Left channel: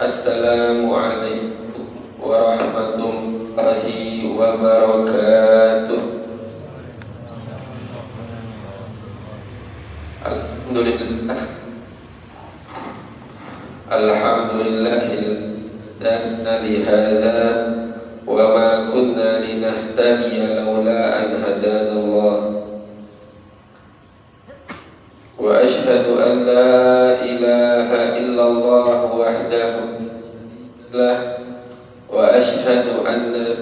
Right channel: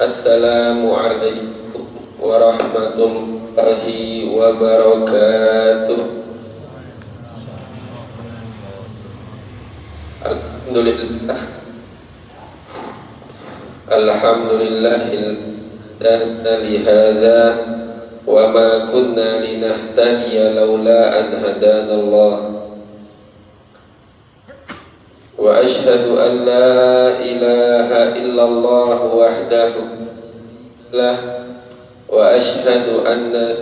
Assalamualaikum warahmatullahi wabarakatuh. Alhamdulillah. Alhamdulillahilladzi lihadza wa ma kunna linahtadiya laula an hadanallah. Wa ashhadu an la ilaha illallah wahdahu lah wa ashhadu anna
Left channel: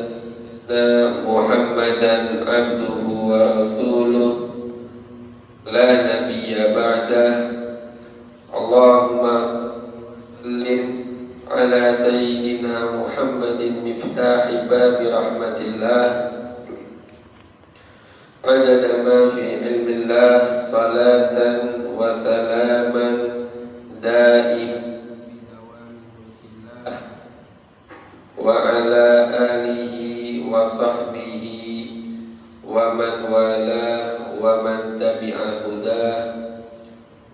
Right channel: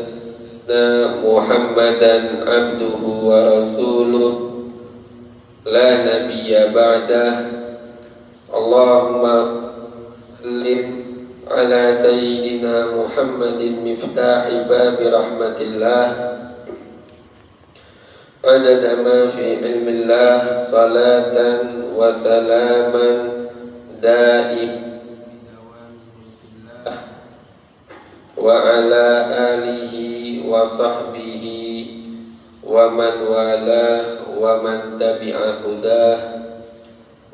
Muhammadan abduhu wa rasuluh la nabiyya ba'dah. Allahumma sallim ala sayyidina Muhammadin miftahi babi rahmatillah adada ma fi ilmillah salatan wa salaman daim wa ala alihi wa sahbihi wa man walah wa man tabi'a hudah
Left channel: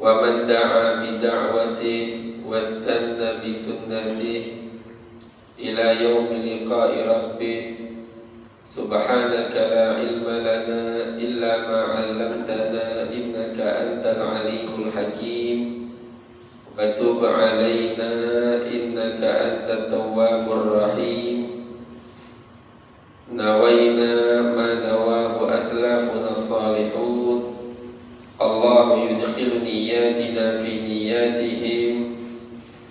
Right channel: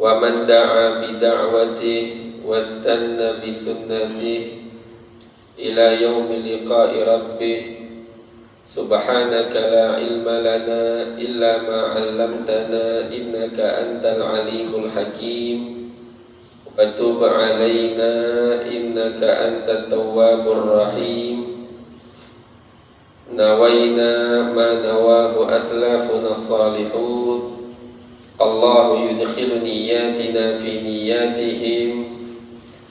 wa man da'a bi da'watihi wastanna bi sunnatihi ila yaumi liqa'i rabbih. Subhanaka la ilma lana illa ma 'allamtana innaka antal alimul hakim wa tub 'alaina innaka antat tawwabur rahim. Nawaina ma nawahu aslafuna salihun. Allahu yudkhilu niyatina fi niyatihim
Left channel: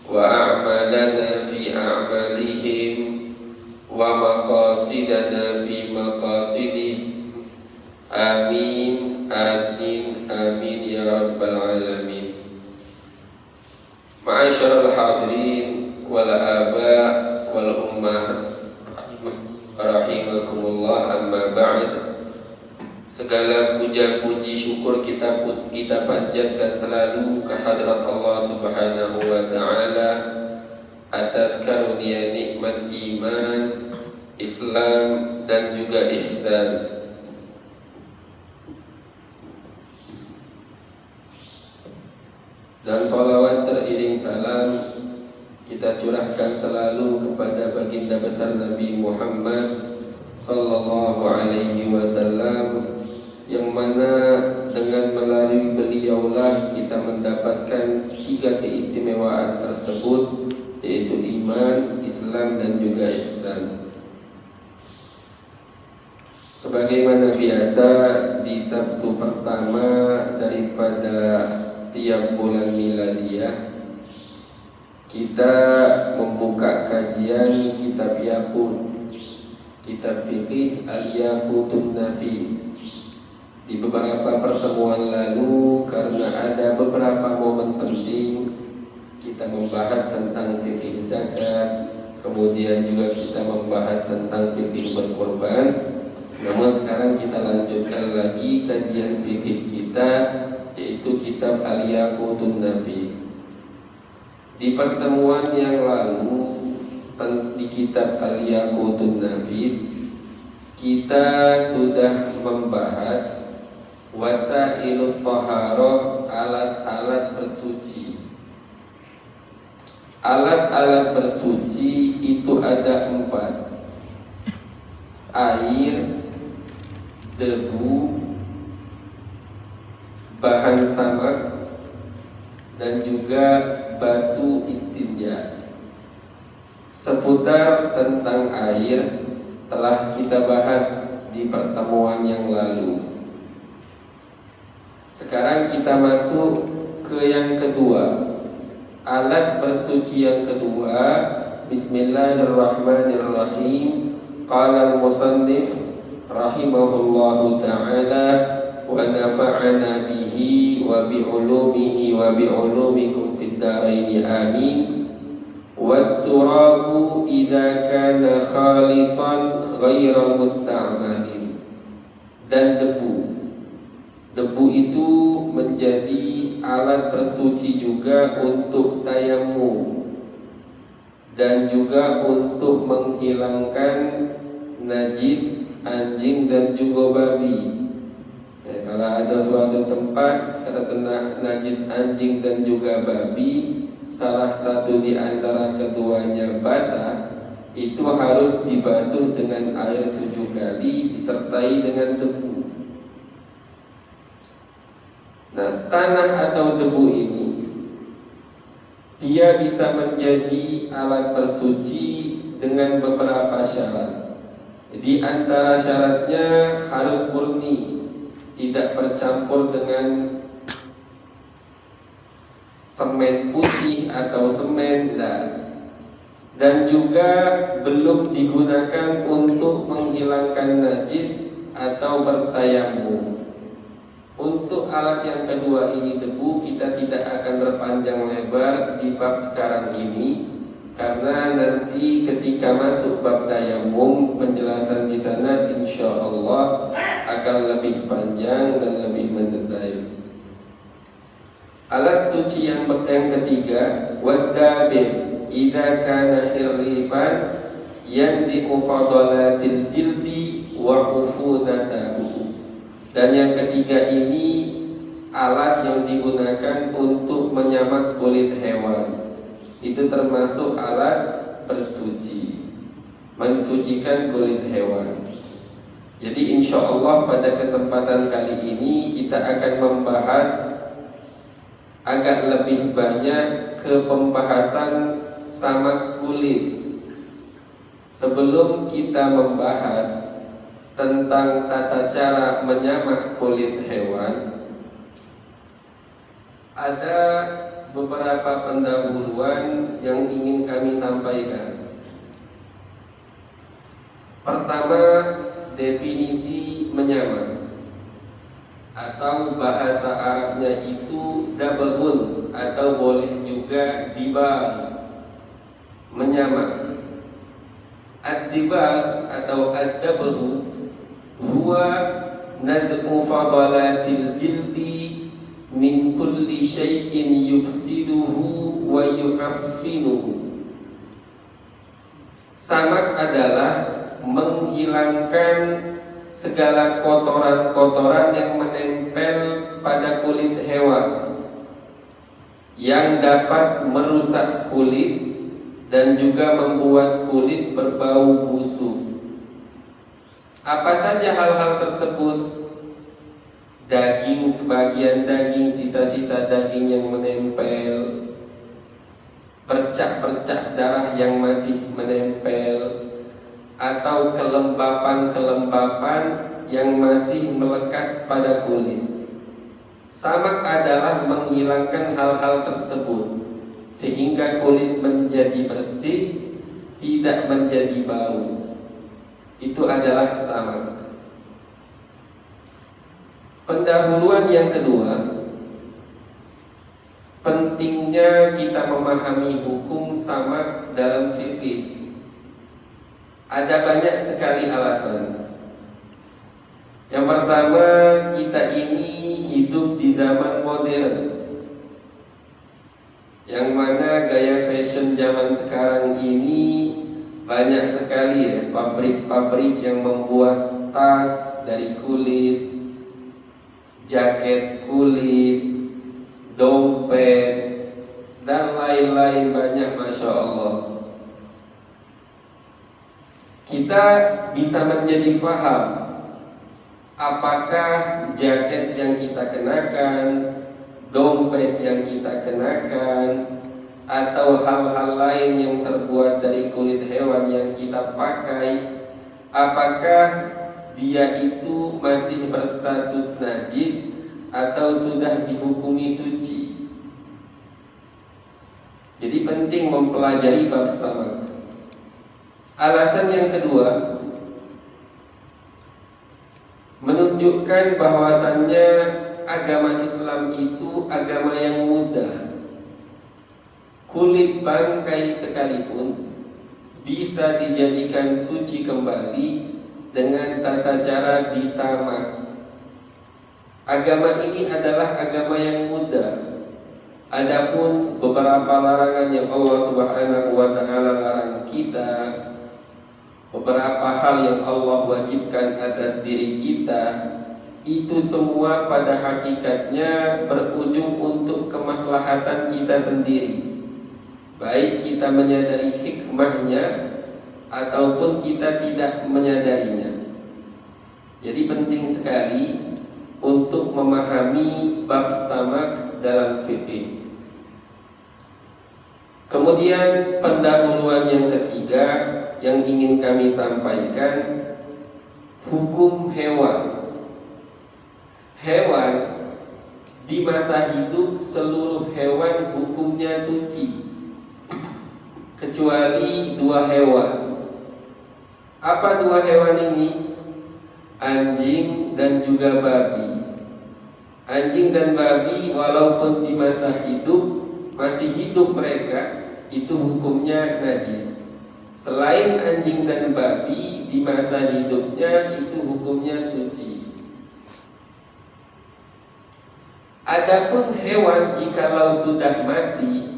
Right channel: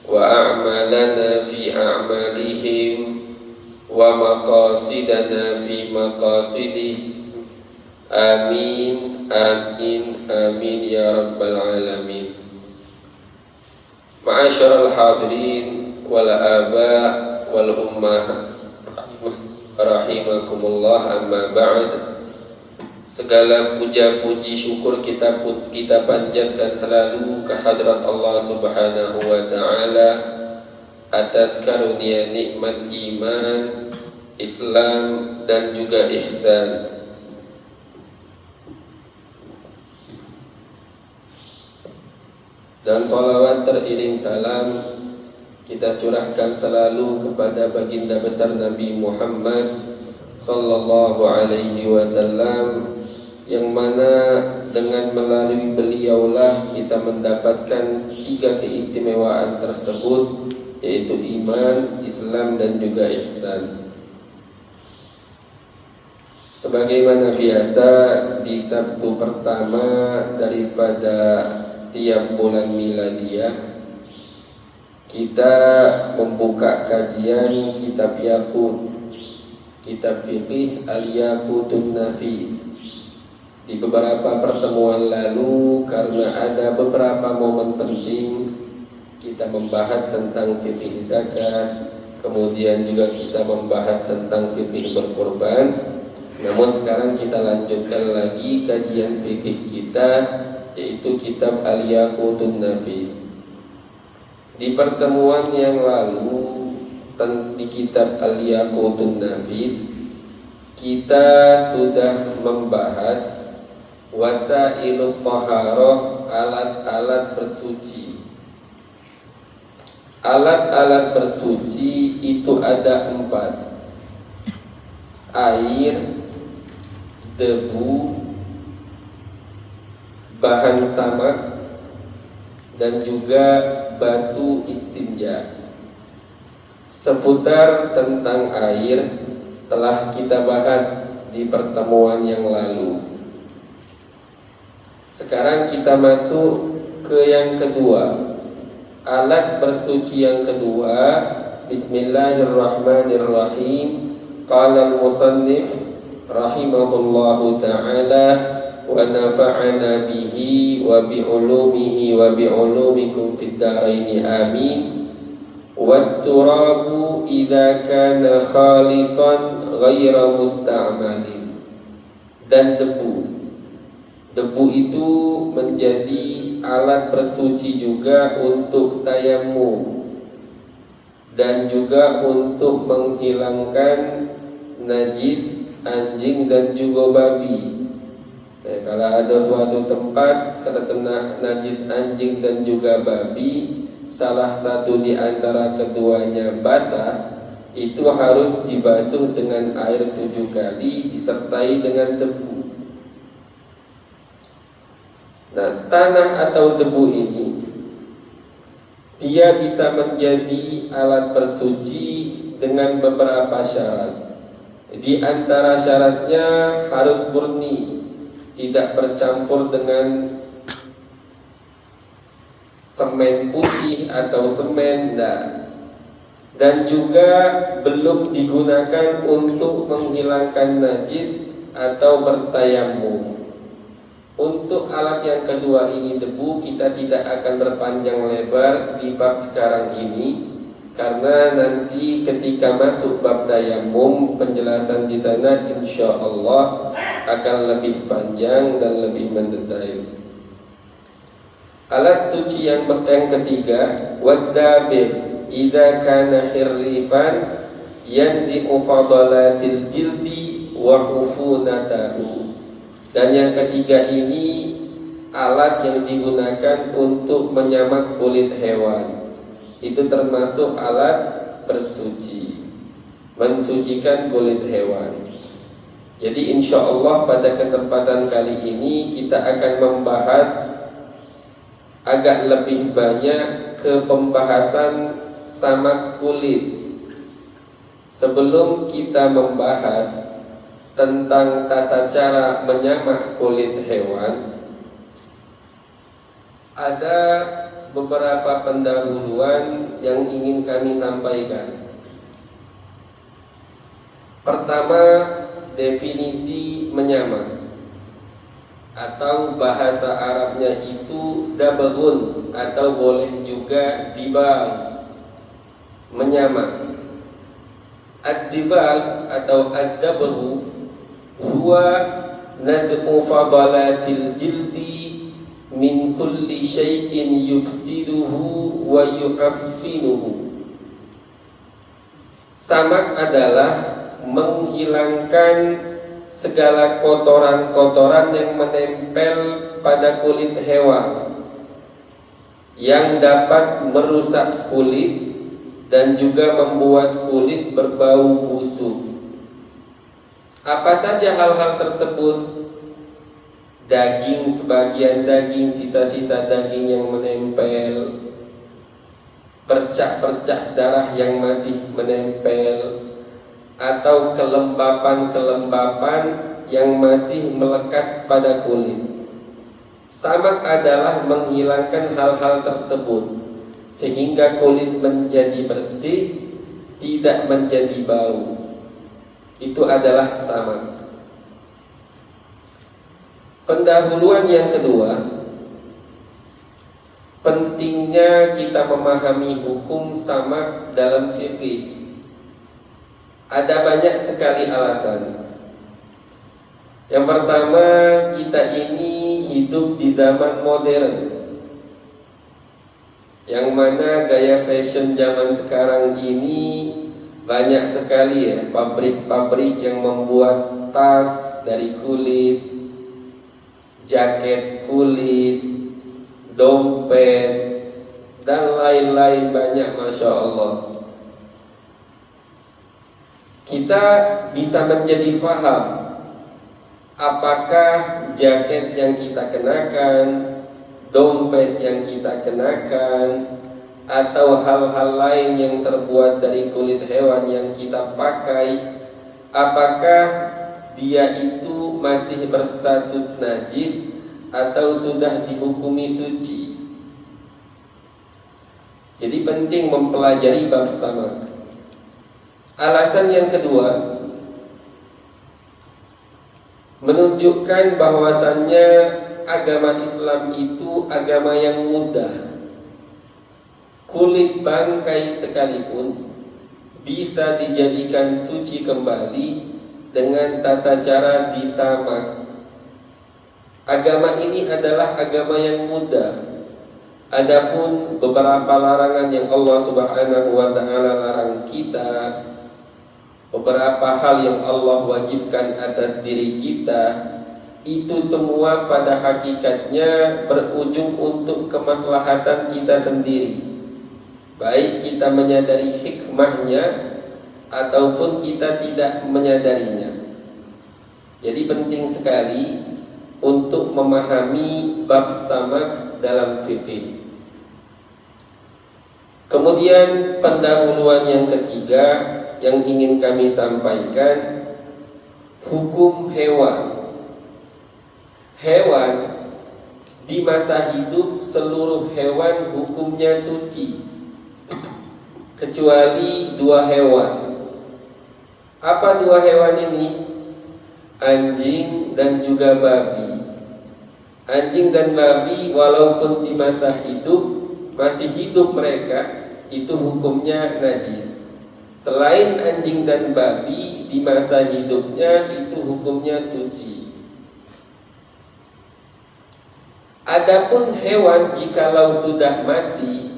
wa a'malana fi a'malihim wa maqasidana fi maqasidihim. Amin amin amin ya rabbal alamin. Ma'asyiral hadirin wal aba wal ummah rahimakumullah, amma ba'd. Segala puja-puji syukur kita panjatkan selalu ke hadrat Allah Subhanahu wa taala atas karunia nikmat iman, Islam dan juga ihsan. Dan salawat teriring salam kita curahkan selalu kepada baginda besar Nabi Muhammad sallallahu alaihi wasallam, yang mana dengan melalui beliaulah kita mendapatkan 3 keistimewaan tersebut, yaitu iman, Islam dan juga ihsan. Sebagaimana biasa di Sabtu pertama daripada tiap bulan miladiah, kita membuka kajian kitab Yaqut, kitab fikih Al-Yaqutun Nafis. Di beberapa pertemuan lalu, karena ada beberapa momen penting, kita membahas tentang fikih zakat, kemudian juga kita membahas tentang fikih berkorban. Namun sekarang kita lanjutkan lagi kajian fikih kita, yaitu kitab Al-Yaqutun Nafis. Di pertemuan yang lalu di kitab Al-Yaqutun Nafis, kita sudah membahas wasailut thaharah, alat-alat bersuci. Alat-alat bersuci itu ada 4: air, debu, bahan samak, dan juga batu istinja. Seputar tentang air telah kita bahas di pertemuan yang lalu. Sekarang kita masuk ke yang kedua, alat bersuci yang kedua. Bismillahirrahmanirrahim. Qala al-musannif rahimahullahu ta'ala wa nafa'ana bihi wa bi'ulumihi wa bi'ulumikum fid dharaini amin. Wat-turabu idza kana khalisan ghaira musta'malin. Dan debu itu menjadi alat bersuci juga untuk tayamum dan juga untuk menghilangkan najis anjing dan juga babi. Kalau ada suatu tempat terkena najis anjing dan juga babi, salah satu di antara keduanya basah, itu harus dibasuh dengan air 7 kali disertai dengan debu. Nah, tanah atau debu ini dia bisa menjadi alat bersuci dengan beberapa syarat. Di antara syaratnya harus murni, tidak bercampur dengan semen putih atau semen, dan juga belum digunakan untuk menghilangkan najis atau bertayamum. Untuk alat yang kedua ini debu, kita tidak akan berpanjang lebar di bab sekarang ini, karena nanti ketika masuk bab tayamum penjelasan di sana insya Allah akan lebih panjang dan lebih mendetail. Alat suci yang ketiga, wadabir idza kana hirrifan yanzi'u fadalatil jildi wa ufunatahu. Dan yang ketiga ini alat yang digunakan untuk menyamak kulit hewan. Itu termasuk alat bersuci, mensucikan kulit hewan. Jadi insya Allah pada kesempatan kali ini kita akan membahas agak lebih banyak ke pembahasan samak kulit. Sebelum kita membahas tentang tata cara menyamak kulit hewan, ada beberapa pendahuluan yang ingin kami sampaikan. Pertama, definisi menyamak, atau bahasa Arabnya itu dabaghun, atau boleh juga dibagh, menyamak. Ad-dibagh atau ad-dabaghu huwa naz'u fadalatil jildi min kulli syai'in yufsiduhu wa yu'affinuhu. Samak adalah menghilangkan segala kotoran-kotoran yang menempel pada kulit hewan yang dapat merusak kulit dan juga membuat kulit berbau busuk. Apa saja hal-hal tersebut? Daging, sebagian daging, sisa-sisa daging yang menempel, percak-percak darah yang masih menempel, atau kelembapan-kelembapan yang masih melekat pada kulit. Samak adalah menghilangkan hal-hal tersebut sehingga kulit menjadi bersih, tidak menjadi bau. Itu adalah samak. Pendahuluan yang kedua, pentingnya kita memahami hukum samak dalam fikih. Ada banyak sekali alasan. Yang pertama, kita ini hidup di zaman modern, yang mana gaya fashion zaman sekarang ini banyak sekali ya, pabrik-pabrik yang membuat tas dari kulit, jaket kulit, dompet, dan lain-lain banyak, Masya Allah. Kita bisa menjadi faham apakah jaket yang kita kenakan, dompet yang kita kenakan, atau hal-hal lain yang terbuat dari kulit hewan yang kita pakai, apakah dia itu masih berstatus najis atau sudah dihukumi suci. Jadi penting mempelajari bab samak. Alasan yang kedua, menunjukkan bahwasannya agama Islam itu agama yang mudah. Kulit bangkai sekalipun bisa dijadikan suci kembali dengan tata cara disamak. Agama ini adalah agama yang mudah. Adapun beberapa larangan yang Allah Subhanahu wa taala larang kita, beberapa hal yang Allah wajibkan atas diri kita, itu semua pada hakikatnya berujung untuk kemaslahatan kita sendiri. baik kita menyadari hikmahnya ataupun kita tidak menyadarinya. Jadi penting sekali untuk memahami bab samak dalam fikih. Kemudian pendahuluan yang ketiga yang ingin kami sampaikan, hukum hewan. Hewan di masa hidup seluruh hewan hukumnya suci, kecuali dua hewan. Apa dua hewan ini? Anjing dan juga babi. Anjing dan babi walaupun di masa hidup masih hidup mereka, itu hukumnya najis. Selain anjing dan babi di masa hidupnya itu hukumnya suci. Adapun hewan jikalau sudah mati,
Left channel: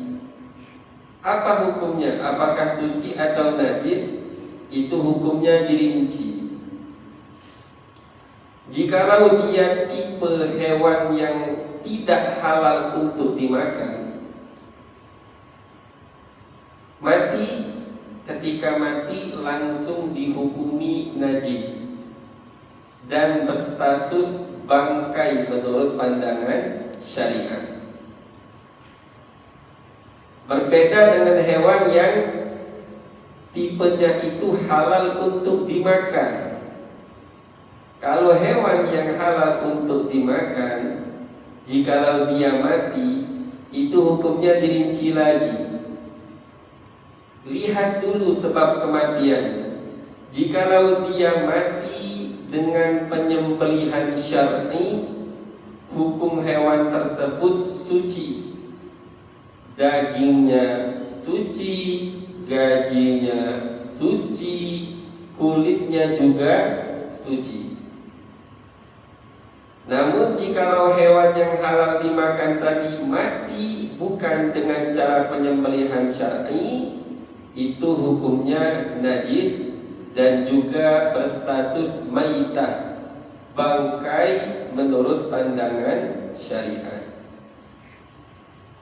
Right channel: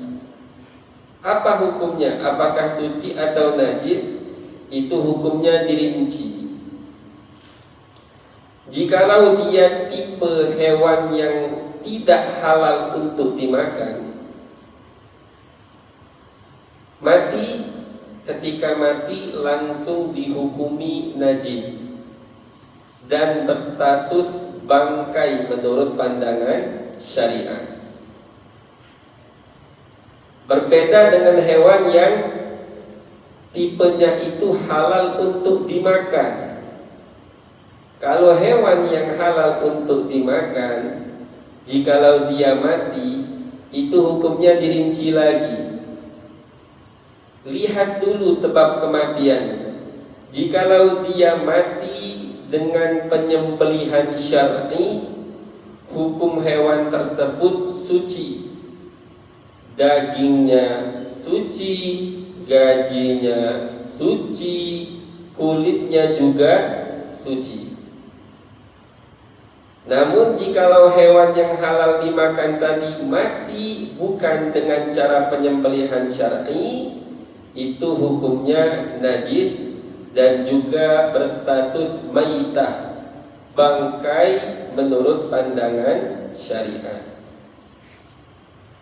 apa hukumnya? Apakah suci atau najis? Itu hukumnya dirinci. Jikalau dia tipe hewan yang tidak halal untuk dimakan, mati, ketika mati langsung dihukumi najis dan berstatus bangkai menurut pandangan syariat. Berbeda dengan hewan yang tipenya itu halal untuk dimakan. Kalau hewan yang halal untuk dimakan, jikalau dia mati, itu hukumnya dirinci lagi. Lihat dulu sebab kematiannya. Jikalau dia mati dengan penyembelihan syar'i, hukum hewan tersebut suci. Dagingnya suci, gajinya suci, kulitnya juga suci. Namun jikalau hewan yang halal dimakan tadi mati bukan dengan cara penyembelihan syar'i, itu hukumnya najis dan juga berstatus maitah, bangkai menurut pandangan syariat.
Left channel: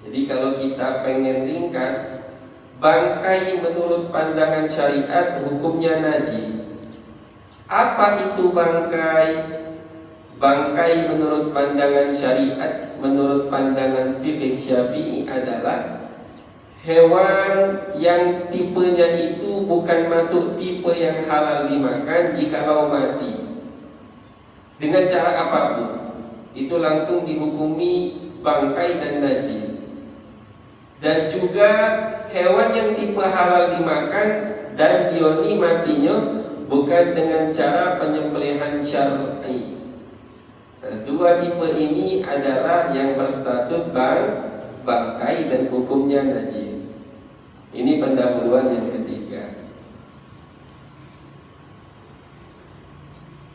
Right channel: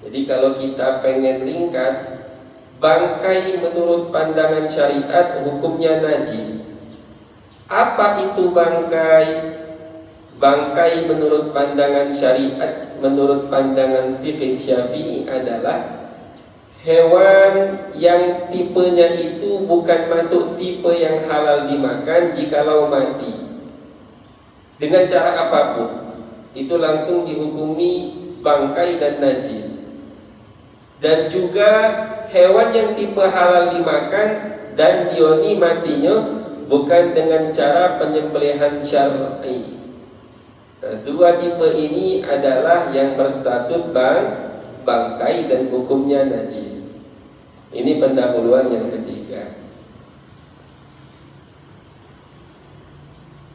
Jadi kalau kita pengen ringkas, bangkai menurut pandangan syariat hukumnya najis. Apa itu bangkai? Bangkai menurut pandangan syariat, menurut pandangan fikih Syafi'i adalah hewan yang tipenya itu bukan masuk tipe yang halal dimakan jikalau mati dengan cara apapun, itu langsung dihukumi bangkai dan najis. Dan juga hewan yang tipe halal dimakan dan dioni matinya bukan dengan cara penyembelihan syar'i. Dua tipe ini adalah yang berstatus bangkai dan hukumnya najis. Ini pendahuluan yang ketiga.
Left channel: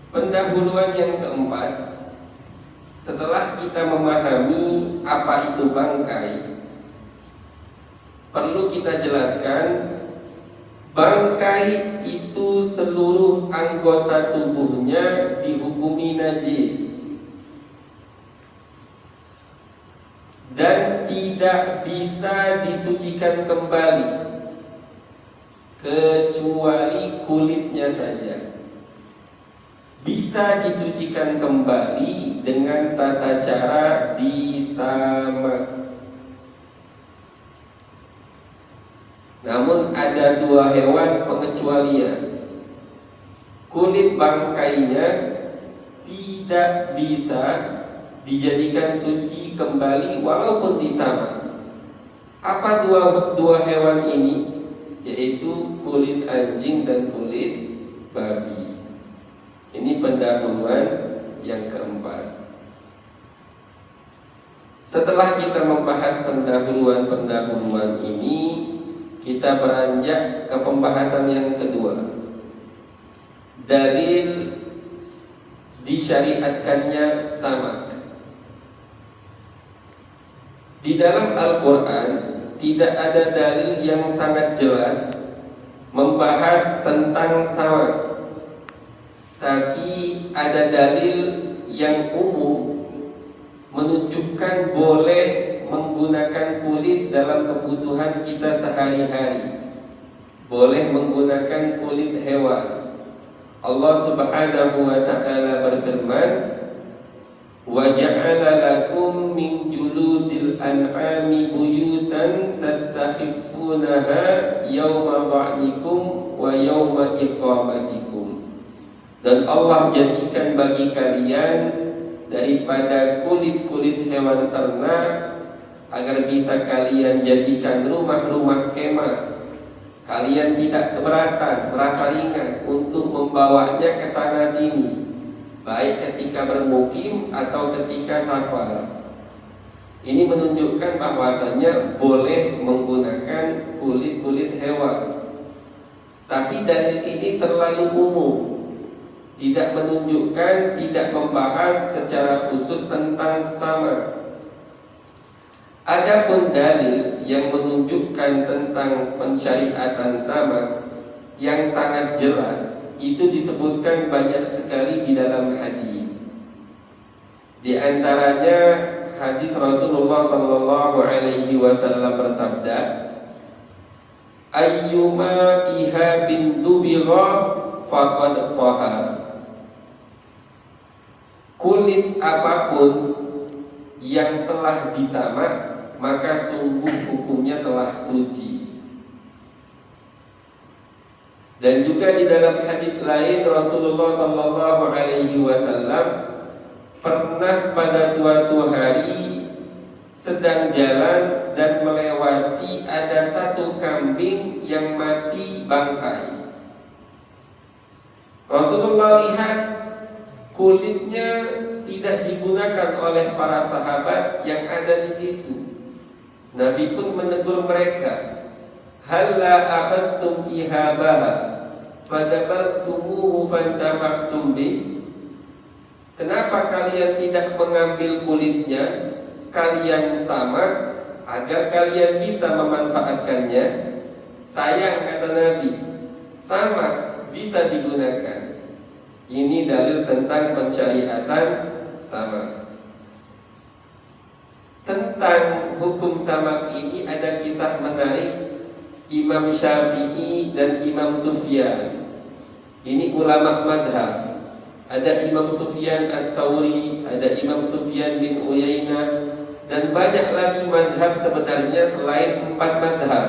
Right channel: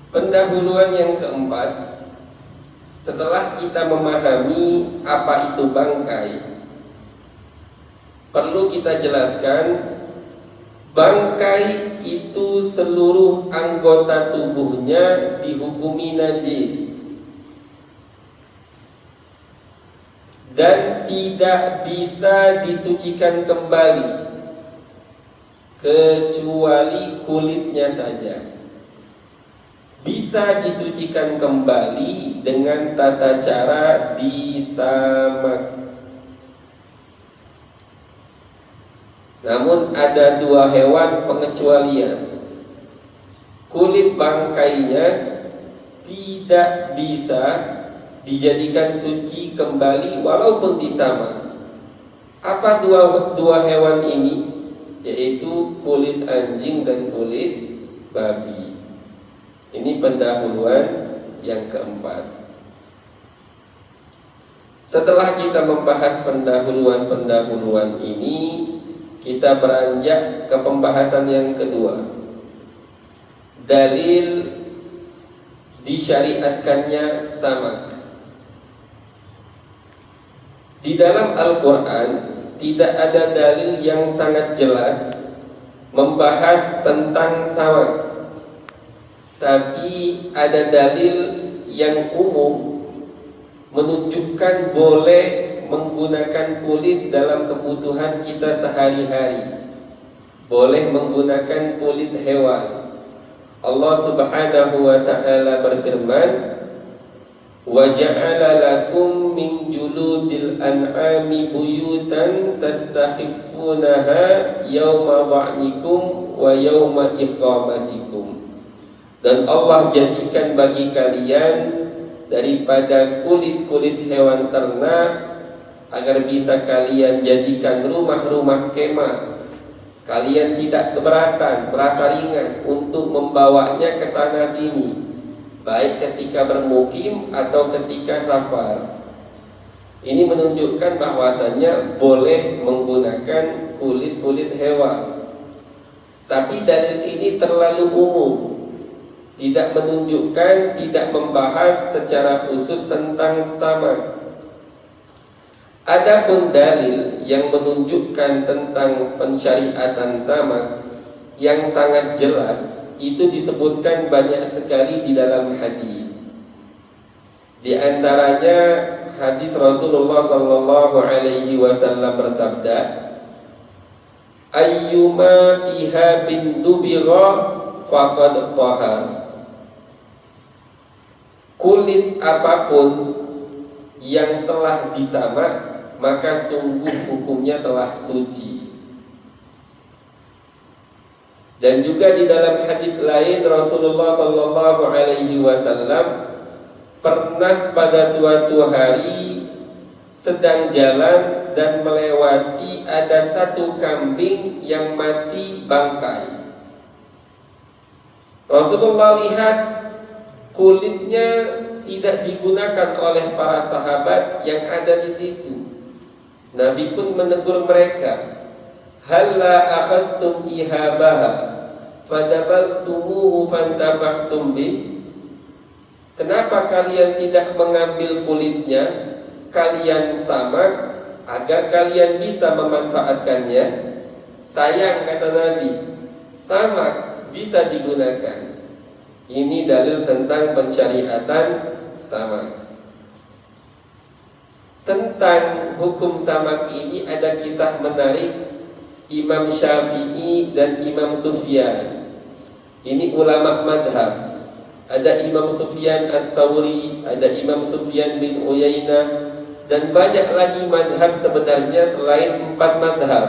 Pendahuluan yang keempat, setelah kita memahami apa itu bangkai, perlu kita jelaskan bangkai itu seluruh anggota tubuhnya dihukumi najis dan tidak bisa disucikan kembali kecuali kulitnya saja. Bisa disucikan kembali dengan tata cara disamak. Namun ada dua hewan pengecualian. Kulit bangkainya tidak bisa dijadikan suci kembali walaupun disamak. Apa dua hewan ini? Yaitu kulit anjing dan kulit babi. Ini pendahuluan yang keempat. Setelah kita membahas pendahuluan ini, kita beranjak ke pembahasan yang kedua. Dalil disyariatkannya samak. Di dalam Al-Quran tidak ada dalil yang sangat jelas membahas tentang samak, tapi ada dalil yang umum menunjukkan boleh menggunakan kulit dalam kebutuhan kita sehari-hari, boleh menggunakan kulit hewan. Allah Subhanahu wa ta'ala berfirman, wa ja'ala lakum min juludil an'ami buyutan tastakhifunaha yawma ba'nikum wa yawma iqamatikum. Dan Allah jadikan bagi kalian daripada kulit-kulit hewan ternak agar bisa kalian jadikan rumah-rumah kemah. Kalian tidak keberatan, merasa ringan untuk membawanya ke sana sini, baik ketika bermukim atau ketika safar. Ini menunjukkan bahwasanya boleh menggunakan kulit-kulit hewan. Tapi dalil ini terlalu umum, tidak menunjukkan, tidak membahas secara khusus tentang sama. Adapun dalil yang menunjukkan tentang pensyariatan sama yang sangat jelas, itu disebutkan banyak sekali di dalam hadis. Di antaranya hadis Rasulullah sallallahu alaihi wasallam bersabda, ayyuma ihabin dubira faqad tahar. Kulit apapun yang telah disamak, maka sungguh hukumnya telah suci. Dan juga di dalam hadis lain Rasulullah sallallahu alaihi wasallam pernah pada suatu hari sedang jalan dan melewati ada satu kambing yang mati bangkai. Rasulullah lihat kulitnya tidak digunakan oleh para sahabat yang ada di situ. Nabi pun menegur mereka, halla akhadtum ihabaha fadabaltumuhu fantafaqtum bih. Kenapa kalian tidak mengambil kulitnya, kalian samak agar kalian bisa memanfaatkannya? Sayang, kata Nabi, samak bisa digunakan. Ini dalil tentang pensyariatan samak. Tentang hukum samak ini ada kisah menarik Imam Syafi'i dan Imam Sufyan. Ini ulama madhab. Ada Imam Sufyan Ats-Tsauri, ada Imam Sufyan bin Uyainah, dan banyak lagi madhab sebenarnya selain 4 madhab.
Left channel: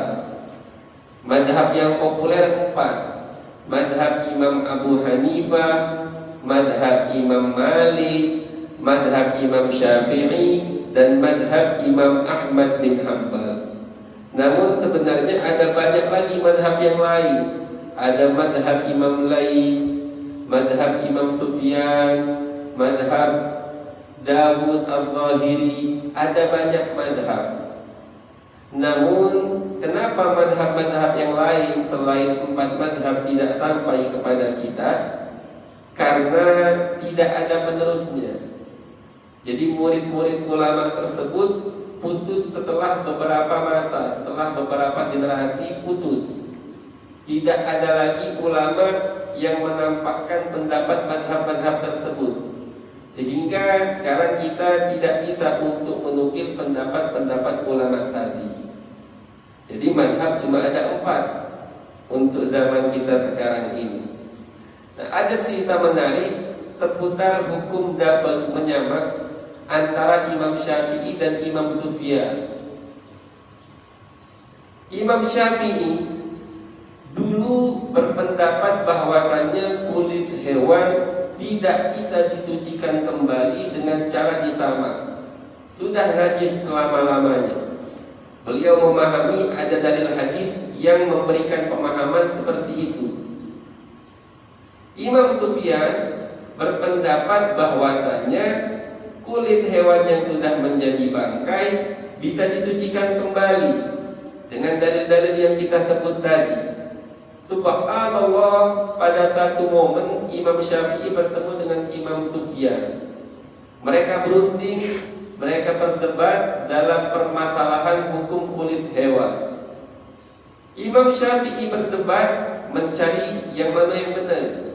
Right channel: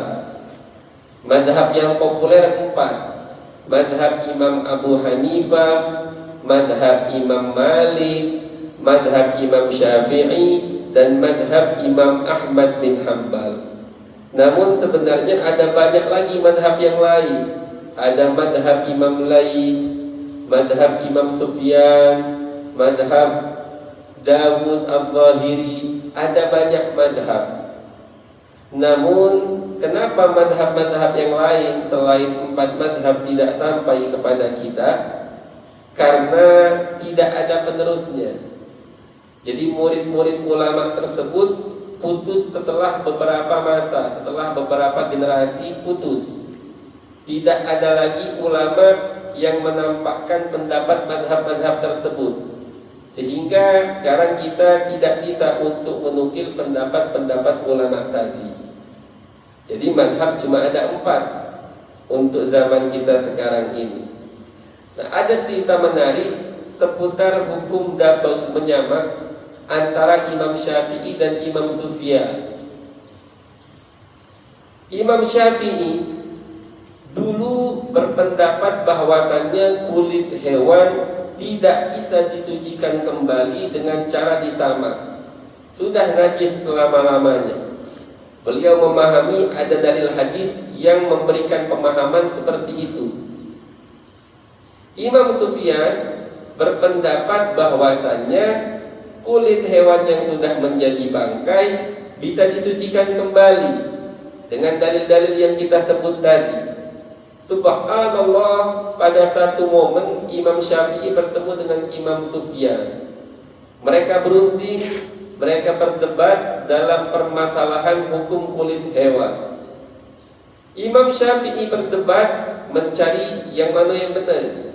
Madhab yang populer 4: madhab Imam Abu Hanifah, madhab Imam Malik, madhab Imam Syafi'i, dan madhab Imam Ahmad bin Hanbal. Namun sebenarnya ada banyak lagi madhab yang lain. Ada madhab Imam Lais, madhab Imam Sufyan, madhab Dawud Al-Zahiri. Ada banyak madhab. Namun kenapa madhab-madhab yang lain selain 4 madhab tidak sampai kepada kita? Karena tidak ada penerusnya. Jadi murid-murid ulama tersebut putus setelah beberapa masa, setelah beberapa generasi putus. Tidak ada lagi ulama yang menampakkan pendapat madhab-madhab tersebut. Sehingga sekarang kita tidak bisa untuk menukil pendapat-pendapat ulama tadi. Jadi madhab cuma ada 4 untuk zaman kita sekarang ini. Nah, ada cerita menarik seputar hukum double menyamak antara Imam Syafi'i dan Imam Sufyan. Imam Syafi'i dulu berpendapat bahwasannya kulit hewan tidak bisa disucikan kembali dengan cara disamak. Sudah najis selama-lamanya. Beliau memahami ada dalil hadis yang memberikan pemahaman seperti itu. Imam Sufyan berpendapat bahwasannya kulit hewan yang sudah menjadi bangkai bisa disucikan kembali dengan dalil-dalil yang kita sebut tadi. Subhanallah, pada satu momen Imam Syafi'i bertemu dengan Imam Sufyan. Mereka berunding, mereka berdebat dalam permasalahan hukum kulit hewan. Imam Syafi'i berdebat mencari yang mana yang benar,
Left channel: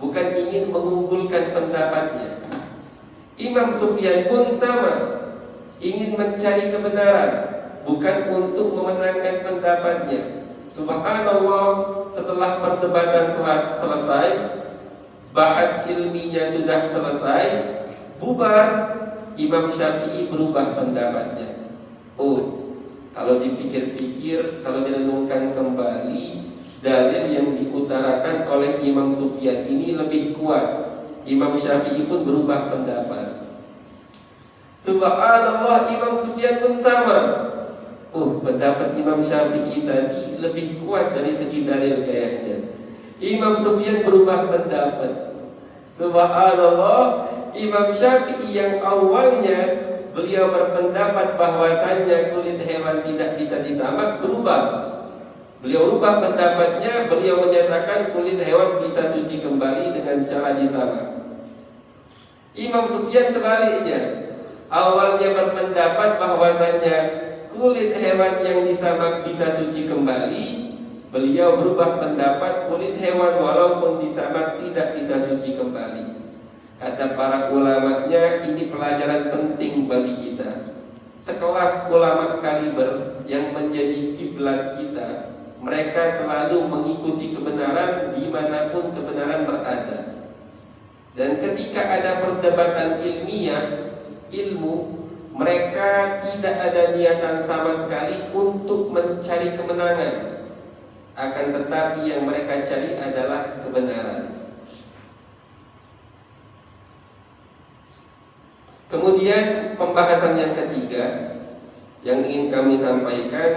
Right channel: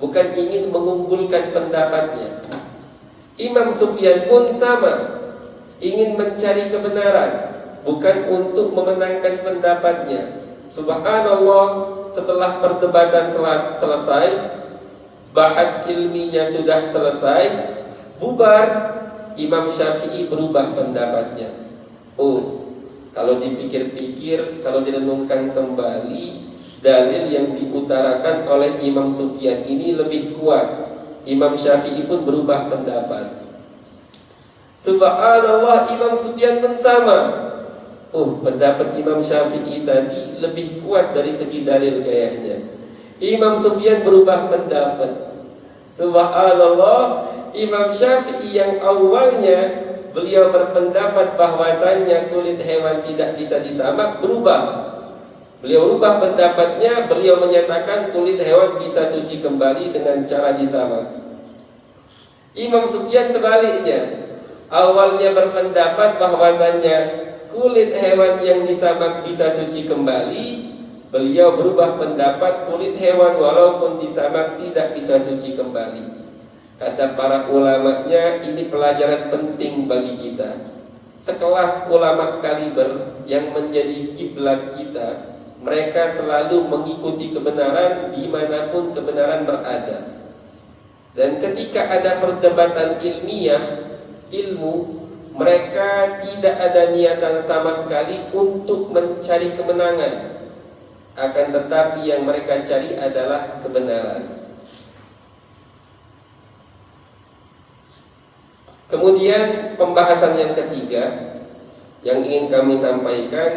bukan ingin mengunggulkan pendapatnya. Imam Sufyan pun sama. ingin mencari kebenaran, bukan untuk memenangkan pendapatnya. Subhanallah, setelah perdebatan selesai, bahas ilminya sudah selesai, bubar, Imam Syafi'i berubah pendapatnya. Oh, kalau dipikir-pikir, kalau direnungkan kembali, dalil yang diutarakan oleh Imam Sufyan ini lebih kuat. Imam Syafi'i pun berubah pendapat. Subhanallah, Imam Sufyan pun sama. Oh, pendapat Imam Syafi'i tadi lebih kuat dari segi dalil kayaknya. Imam Sufyan berubah pendapat. Subhanallah, Imam Syafi'i yang awalnya beliau berpendapat bahwasannya kulit hewan tidak bisa disamak, berubah. Beliau rubah pendapatnya, beliau menyatakan kulit hewan bisa suci kembali dengan cara disamak. Imam Sufyan sebaliknya, awalnya berpendapat bahwasannya kulit hewan yang disamak bisa suci kembali, beliau berubah pendapat kulit hewan walaupun disamak tidak bisa suci kembali. Kata para ulamanya, ini pelajaran penting bagi kita. Sekelas ulama kaliber yang menjadi kiblat kita, mereka selalu mengikuti kebenaran dimanapun kebenaran berada. Dan ketika ada perdebatan ilmiah, ilmu, mereka tidak ada niatan sama sekali untuk mencari kemenangan. Akan tetapi yang mereka cari adalah kebenaran. Kemudian pembahasan yang ketiga yang ingin kami sampaikan,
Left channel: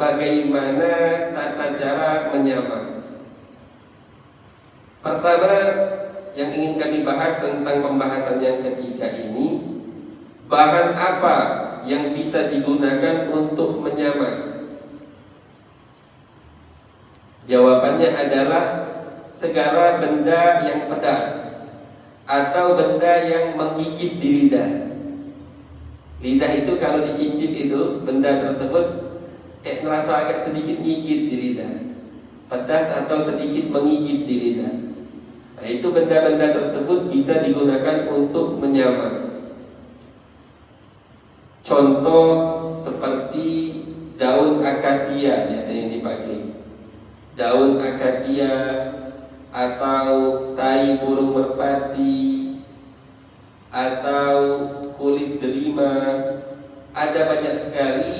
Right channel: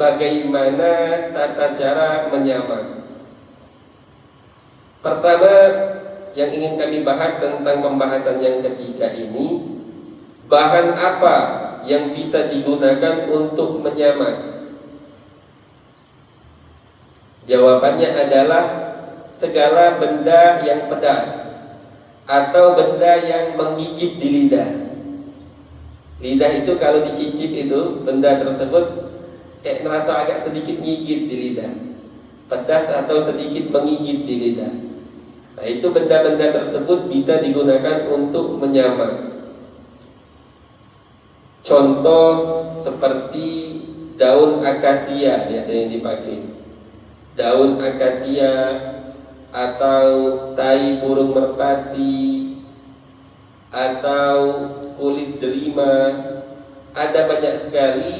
bagaimana tata cara menyamak. Pertama yang ingin kami bahas tentang pembahasan yang ketiga ini, bahan apa yang bisa digunakan untuk menyamak? Jawabannya adalah segala benda yang pedas atau benda yang menggigit di lidah. Lidah itu kalau dicicip itu, benda tersebut kayak merasa agak sedikit gigit di lidah, pedas atau sedikit menggigit di lidah. Nah, itu benda-benda tersebut bisa digunakan untuk menyamak. Contoh seperti daun akasia biasanya dipakai. Daun akasia atau tai burung merpati atau kulit delima. Ada banyak sekali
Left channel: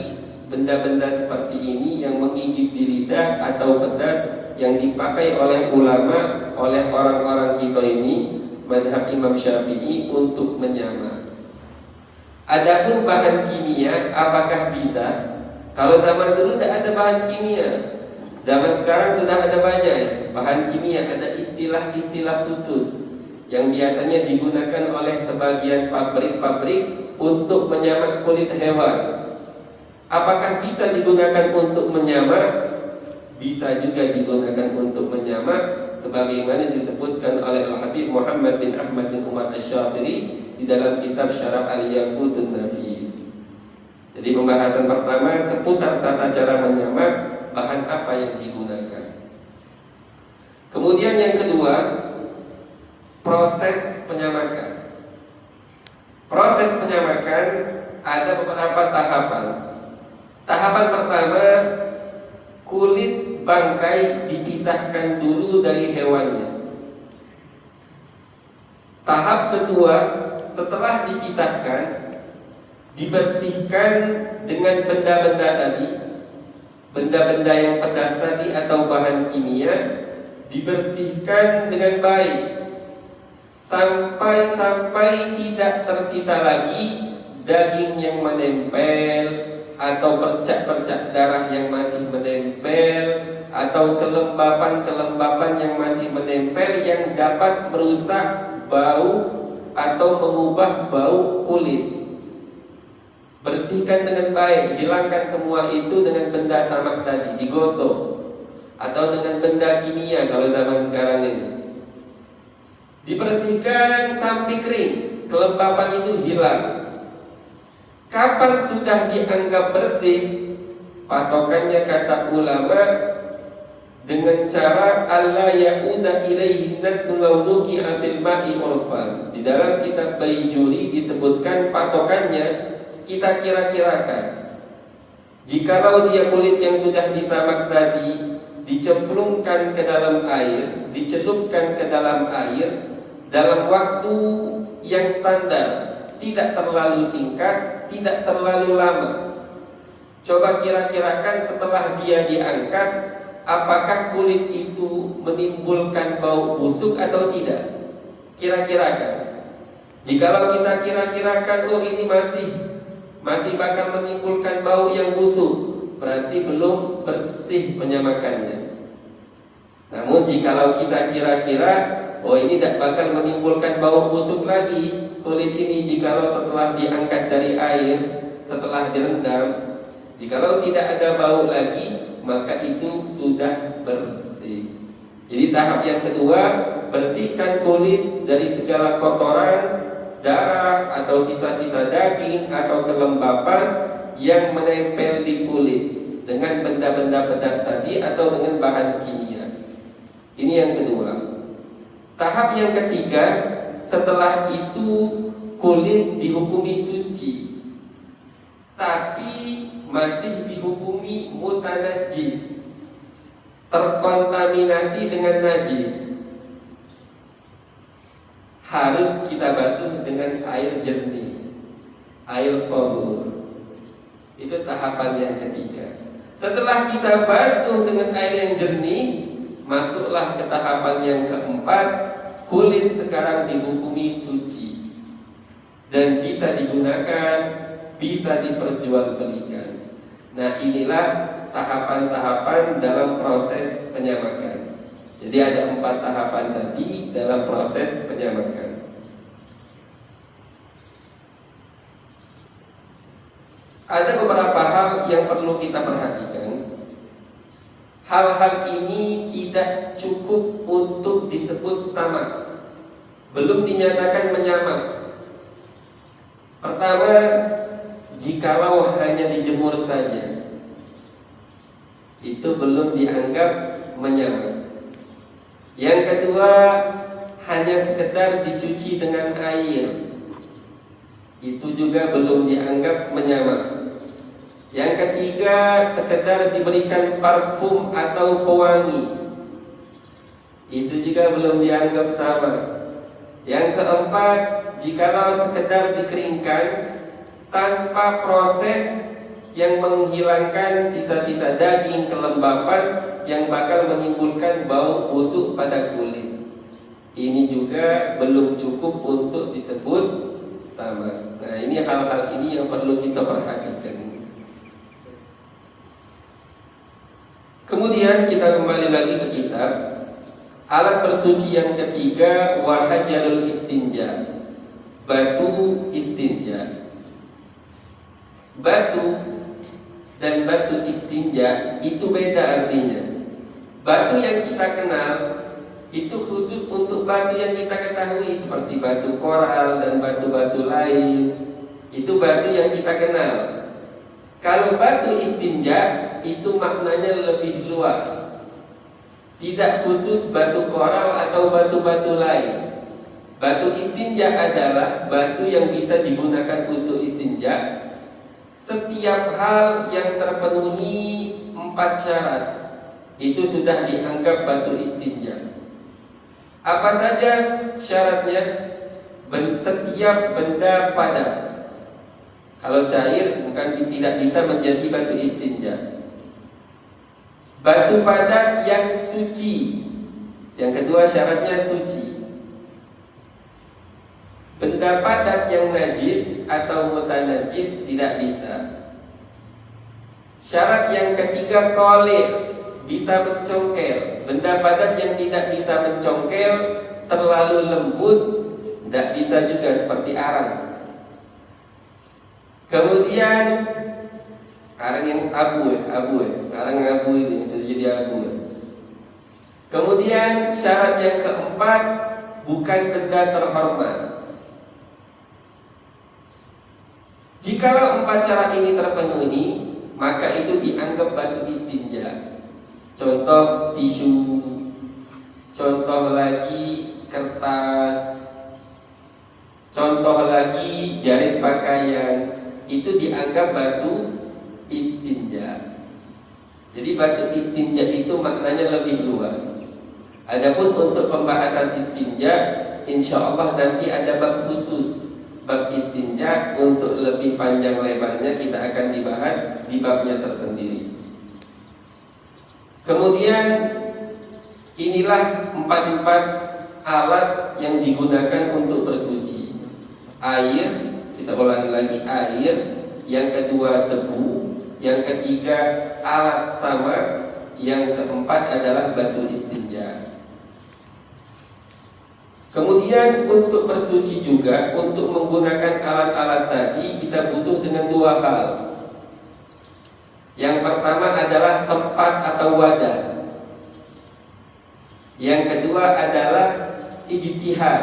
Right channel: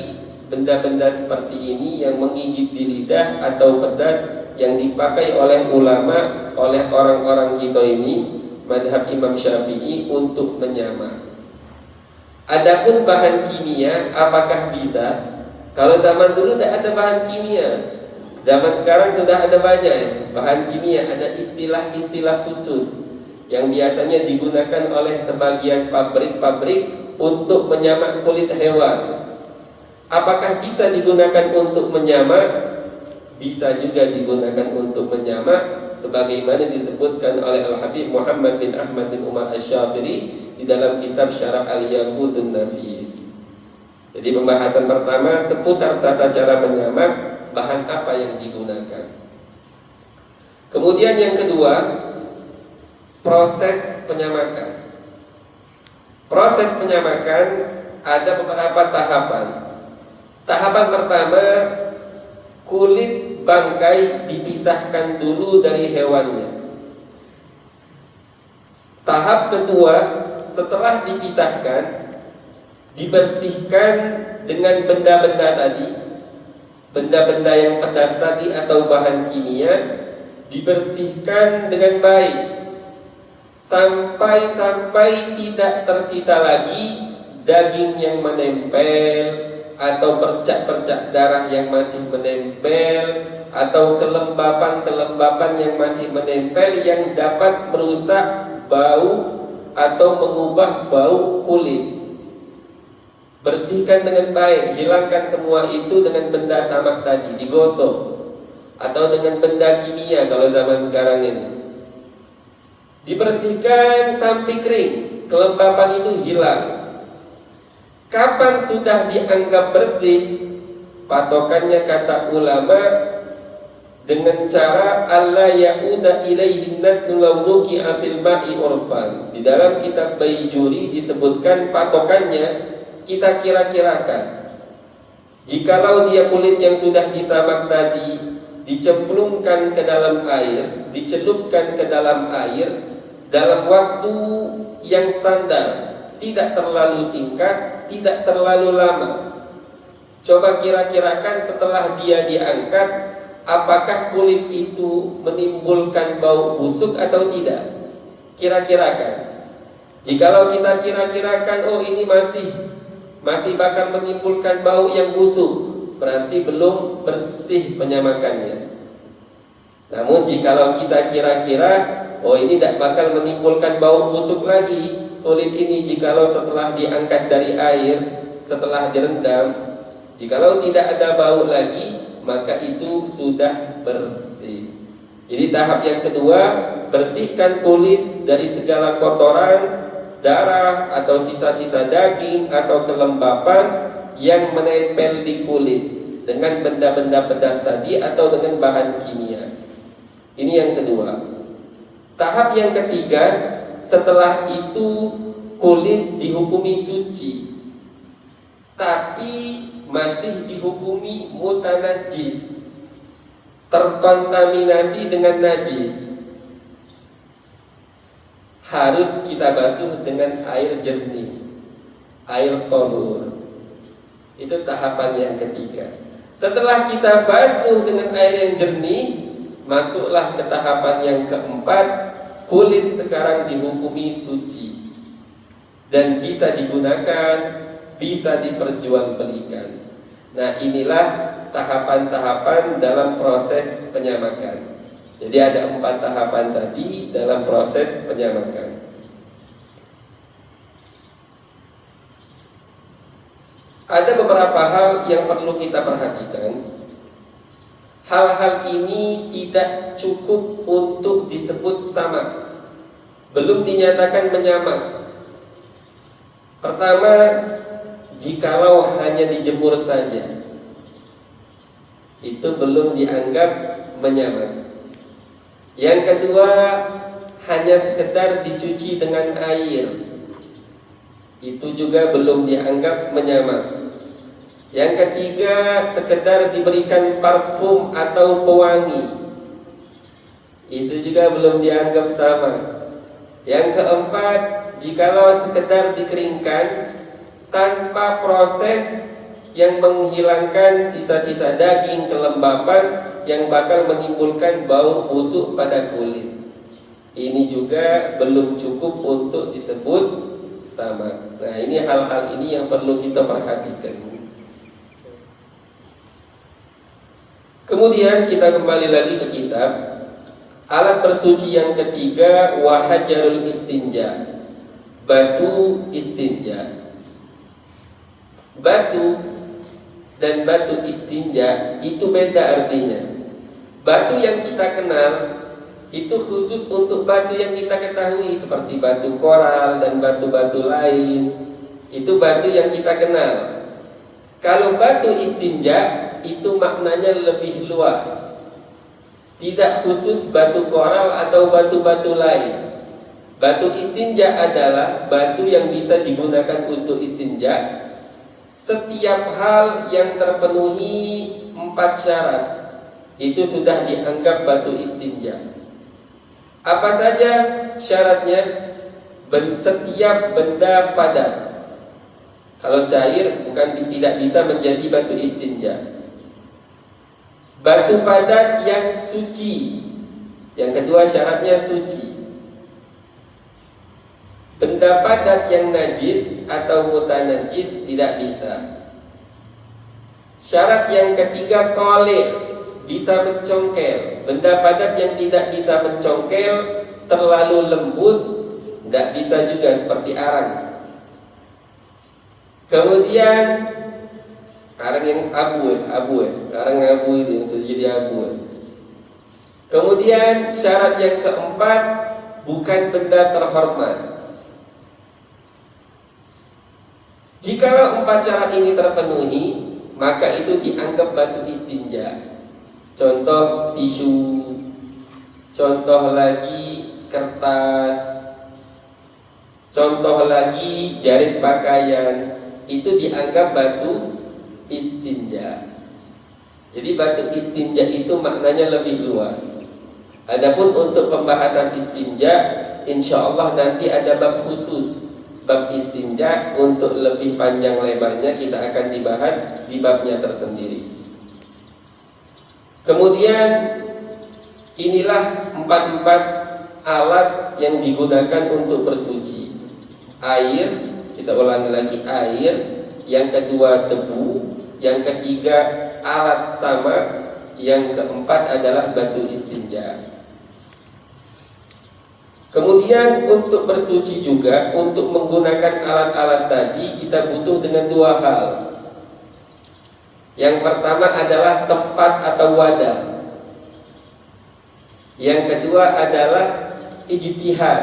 benda-benda seperti ini yang menggigit di lidah atau pedas yang dipakai oleh ulama, oleh orang-orang kita ini, mazhab Imam Syafi'i, untuk menyamak. Adapun bahan kimia, apakah bisa? Kalau zaman dulu tidak ada bahan kimia. Zaman sekarang sudah ada banyak bahan kimia, ada istilah-istilah khusus yang biasanya digunakan oleh sebagian pabrik-pabrik untuk menyamak kulit hewan. Apakah bisa digunakan untuk menyamak? Bisa juga digunakan untuk menyamak, sebagaimana disebutkan oleh Al-Habib Muhammad bin Ahmad bin Umar Asy-Syatiri di dalam kitab Syarah Al-Yaqutun Nafis. Jadi pembahasan pertama seputar tata cara menyamak, bahan apa yang digunakan. Kemudian yang kedua, proses penyamakan. Proses penyamakan ada beberapa tahapan. Tahapan pertama, kulit bangkai dipisahkan dulu dari hewannya. Tahap kedua, setelah dipisahkan, dibersihkan dengan benda-benda tadi, benda-benda yang pedas tadi atau bahan kimia, dibersihkan dengan baik sampai tidak tersisa lagi daging yang menempel atau bercak-bercak darah yang masih menempel atau kelembapan-kelembapan yang masih menempel yang dapat merusak bau atau mengubah bau kulit. Bersihkan dengan baik, hilangkan semua itu dengan benda samak tadi, digosok atau dengan benda kimia kalau zaman sekarang ini. Dibersihkan sampai kering, kelembapan itu hilang. Kapan sudah dianggap bersih? Patokannya kata ulama, dengan cara alla ya'uda ilaihi natnu law nuqi'a fil ma'i urfan. Di dalam kitab Baijuri disebutkan patokannya kita kira-kirakan. Jikalau dia kulit yang sudah disamak tadi dicemplungkan ke dalam air, dicelupkan ke dalam air dalam waktu yang standar, tidak terlalu singkat, tidak terlalu lama. Coba kira-kirakan setelah dia diangkat, apakah kulit itu menimbulkan bau busuk atau tidak? Kira-kirakan. Jikalau kita kira-kirakan, oh ini masih bakal menimbulkan bau yang busuk, berarti belum bersih penyamakannya. Namun jikalau kita kira-kira, oh ini tidak bakal menimbulkan bau busuk lagi kulit ini jikalau setelah diangkat dari air, setelah direndam, jikalau tidak ada bau lagi, maka itu sudah bersih. Jadi tahap yang kedua, bersihkan kulit dari segala kotoran, darah atau sisa-sisa daging atau kelembapan yang menempel di kulit dengan benda-benda pedas tadi atau dengan bahan kimia. Ini yang kedua. Tahap yang ketiga, setelah itu kulit dihukumi suci, tapi masih dihukumi mutanajis, terkontaminasi dengan najis. Harus kita basuh dengan air jernih, air tahur. Itu tahapan yang ketiga. Setelah kita basuh dengan air yang jernih, masuklah ke tahapan yang keempat. Kulit sekarang dihukumi suci dan bisa digunakan, bisa diperjualbelikan. Nah, inilah tahapan-tahapan dalam proses penyamakan. Jadi ada 4 tahapan tadi dalam proses penyamakan. Ada beberapa hal yang perlu kita perhatikan. Hal-hal ini tidak cukup untuk disebut samak, belum dinyatakan menyamak. Pertama, jikalau hanya dijemur saja, itu belum dianggap menyamak. Yang kedua, hanya sekedar dicuci dengan air, itu juga belum dianggap menyamak. Yang ketiga, sekedar diberikan parfum atau pewangi, itu juga belum dianggap sama. Yang keempat, jikalau sekedar dikeringkan tanpa proses yang menghilangkan sisa-sisa daging, kelembapan yang bakal menimbulkan bau busuk pada kulit, ini juga belum cukup untuk disebut sama. Nah, ini hal-hal ini yang perlu kita perhatikan. Kemudian kita kembali lagi ke kitab. Alat bersuci yang ketiga, wahajarul istinja, batu istinja. Batu dan batu istinja itu beda artinya. Batu yang kita kenal itu khusus untuk batu yang kita ketahui, seperti batu koral dan batu-batu lain. Itu batu yang kita kenal. Kalau batu istinja itu maknanya lebih luas, tidak khusus batu koral atau batu-batu lain. Batu istinja adalah batu yang bisa digunakan untuk istinja setiap hal yang terpenuhi 4 syarat, itu sudah dianggap batu istinja. Apa saja syaratnya? Setiap benda padat. Kalau cair bukan tidak bisa menjadi batu istinja. Batu padat yang suci. Yang kedua syaratnya suci. Benda padat yang najis atau mutanajis tidak bisa. Syarat yang ketiga qolir, bisa mencongkel. Benda padat yang tidak bisa mencongkel, terlalu lembut, tidak bisa juga, seperti arang. Kemudian arang yang abu arang abu itu yang sudah jadi abu. Kemudian syarat yang keempat, bukan benda terhormat. Jikalau 4 syarat ini terpenuhi, maka itu dianggap batu istinja. contoh tisu, contoh lagi kertas, contoh lagi jarit pakaian, itu dianggap batu istinja. Jadi batu istinja itu maknanya lebih luas. Adapun untuk pembahasan istinja, insya Allah nanti ada bab khusus, bab istinja. Untuk lebih panjang lebarnya kita akan dibahas di babnya tersendiri. Kemudian inilah empat alat yang digunakan untuk bersuci. Air, kita ulangi lagi, air. Yang kedua debu. Yang ketiga alat samak. Yang keempat adalah batu istinja. Kemudian untuk bersuci juga, untuk menggunakan alat-alat tadi kita butuh dengan dua hal. Yang pertama adalah tempat atau wadah. Yang kedua adalah ijtihad.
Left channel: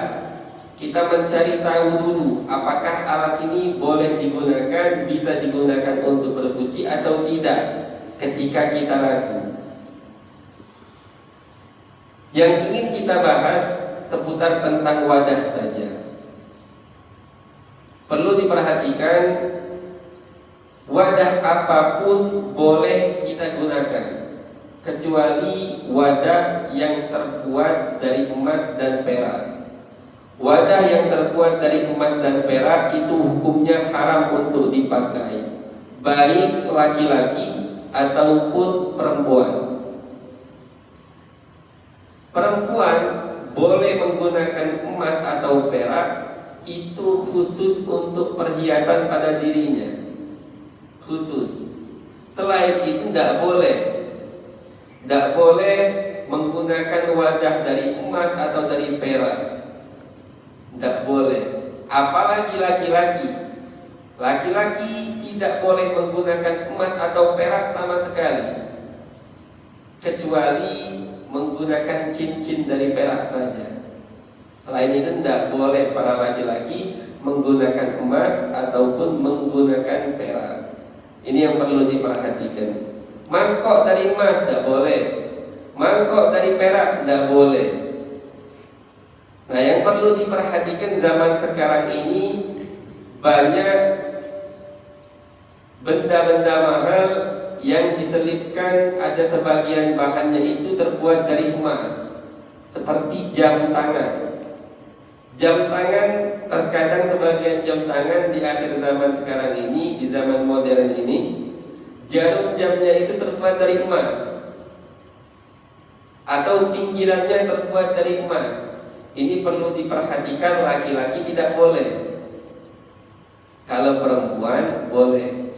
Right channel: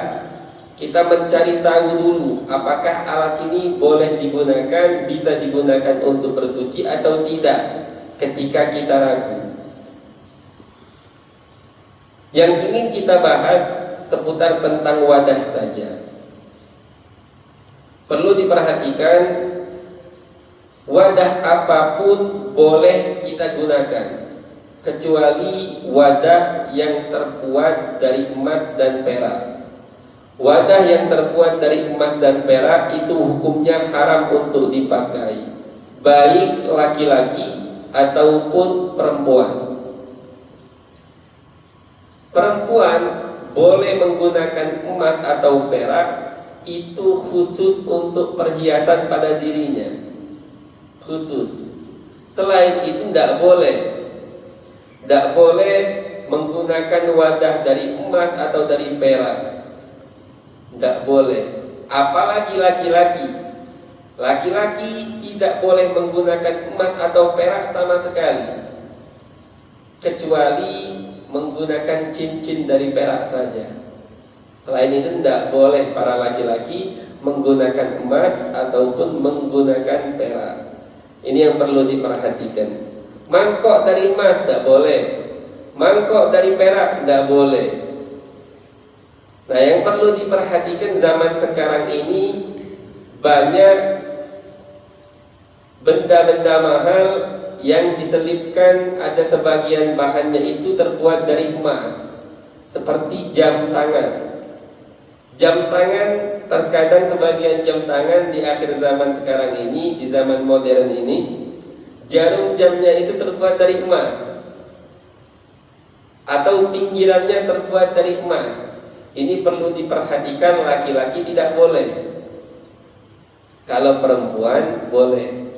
Kita mencari tahu dulu apakah alat ini boleh digunakan, bisa digunakan untuk bersuci atau tidak ketika kita ragu. Yang ingin kita bahas seputar tentang wadah saja. Perlu diperhatikan, wadah apapun boleh kita gunakan kecuali wadah yang terbuat dari emas dan perak. Wadah yang terbuat dari emas dan perak itu hukumnya haram untuk dipakai, baik laki-laki ataupun perempuan. Perempuan boleh menggunakan emas atau perak, itu khusus untuk perhiasan pada dirinya, khusus. Selain itu tidak boleh menggunakan wadah dari emas atau dari perak. Tidak boleh. Apalagi laki-laki. Laki-laki tidak boleh menggunakan emas atau perak sama sekali, kecuali menggunakan cincin dari perak saja. Selain itu tidak boleh para laki-laki menggunakan emas ataupun menggunakan perak. Ini yang perlu diperhatikan. Mangkok dari emas tidak boleh, mangkok dari perak tidak boleh. Nah, yang perlu diperhatikan zaman sekarang ini banyak benda-benda mahal yang diselipkan, ada sebagian bahannya itu terbuat dari emas, seperti jam tangan. Jam tangan, terkadang sebagian jam tangan di akhir zaman sekarang ini, di zaman modern ini, jarum jamnya itu terbuat dari emas, atau pinggirannya terbuat dari emas. Ini perlu diperhatikan, laki-laki tidak boleh. Kalau perempuan boleh.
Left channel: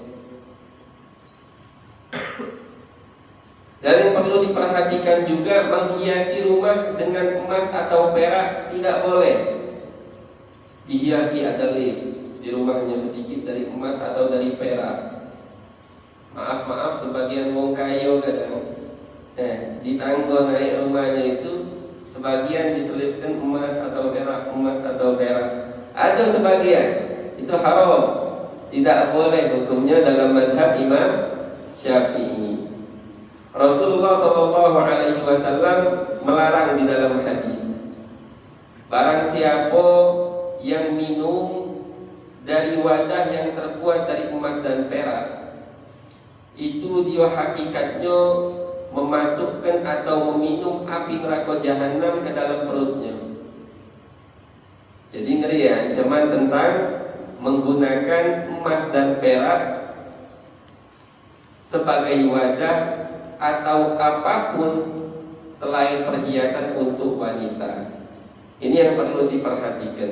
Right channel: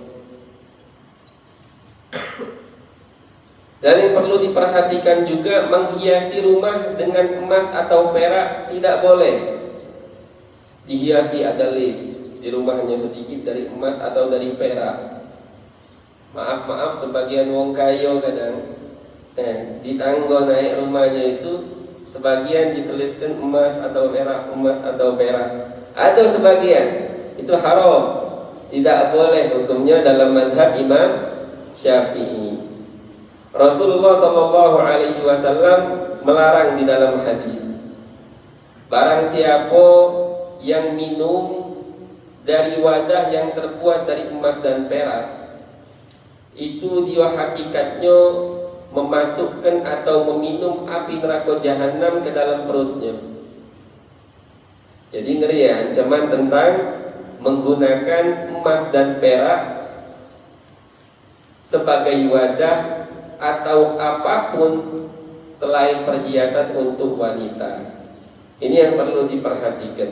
Dan yang perlu diperhatikan juga, menghiasi rumah dengan emas atau perak tidak boleh. Dihiasi, ada list di rumahnya sedikit dari emas atau dari perak. Maaf sebagian wong kaya kadang di tangga naik rumahnya itu sebagian diselipkan emas atau perak. Ada sebagian itu haram, tidak boleh hukumnya dalam mazhab Imam Syafi'i. Rasulullah SAW melarang di dalam hadis, barang siapa yang minum dari wadah yang terbuat dari emas dan perak, itu dia hakikatnya memasukkan atau meminum api neraka jahanam ke dalam perutnya. Jadi ngeri ya, ancaman tentang menggunakan emas dan perak sebagai wadah atau apapun selain perhiasan untuk wanita. Ini yang perlu diperhatikan.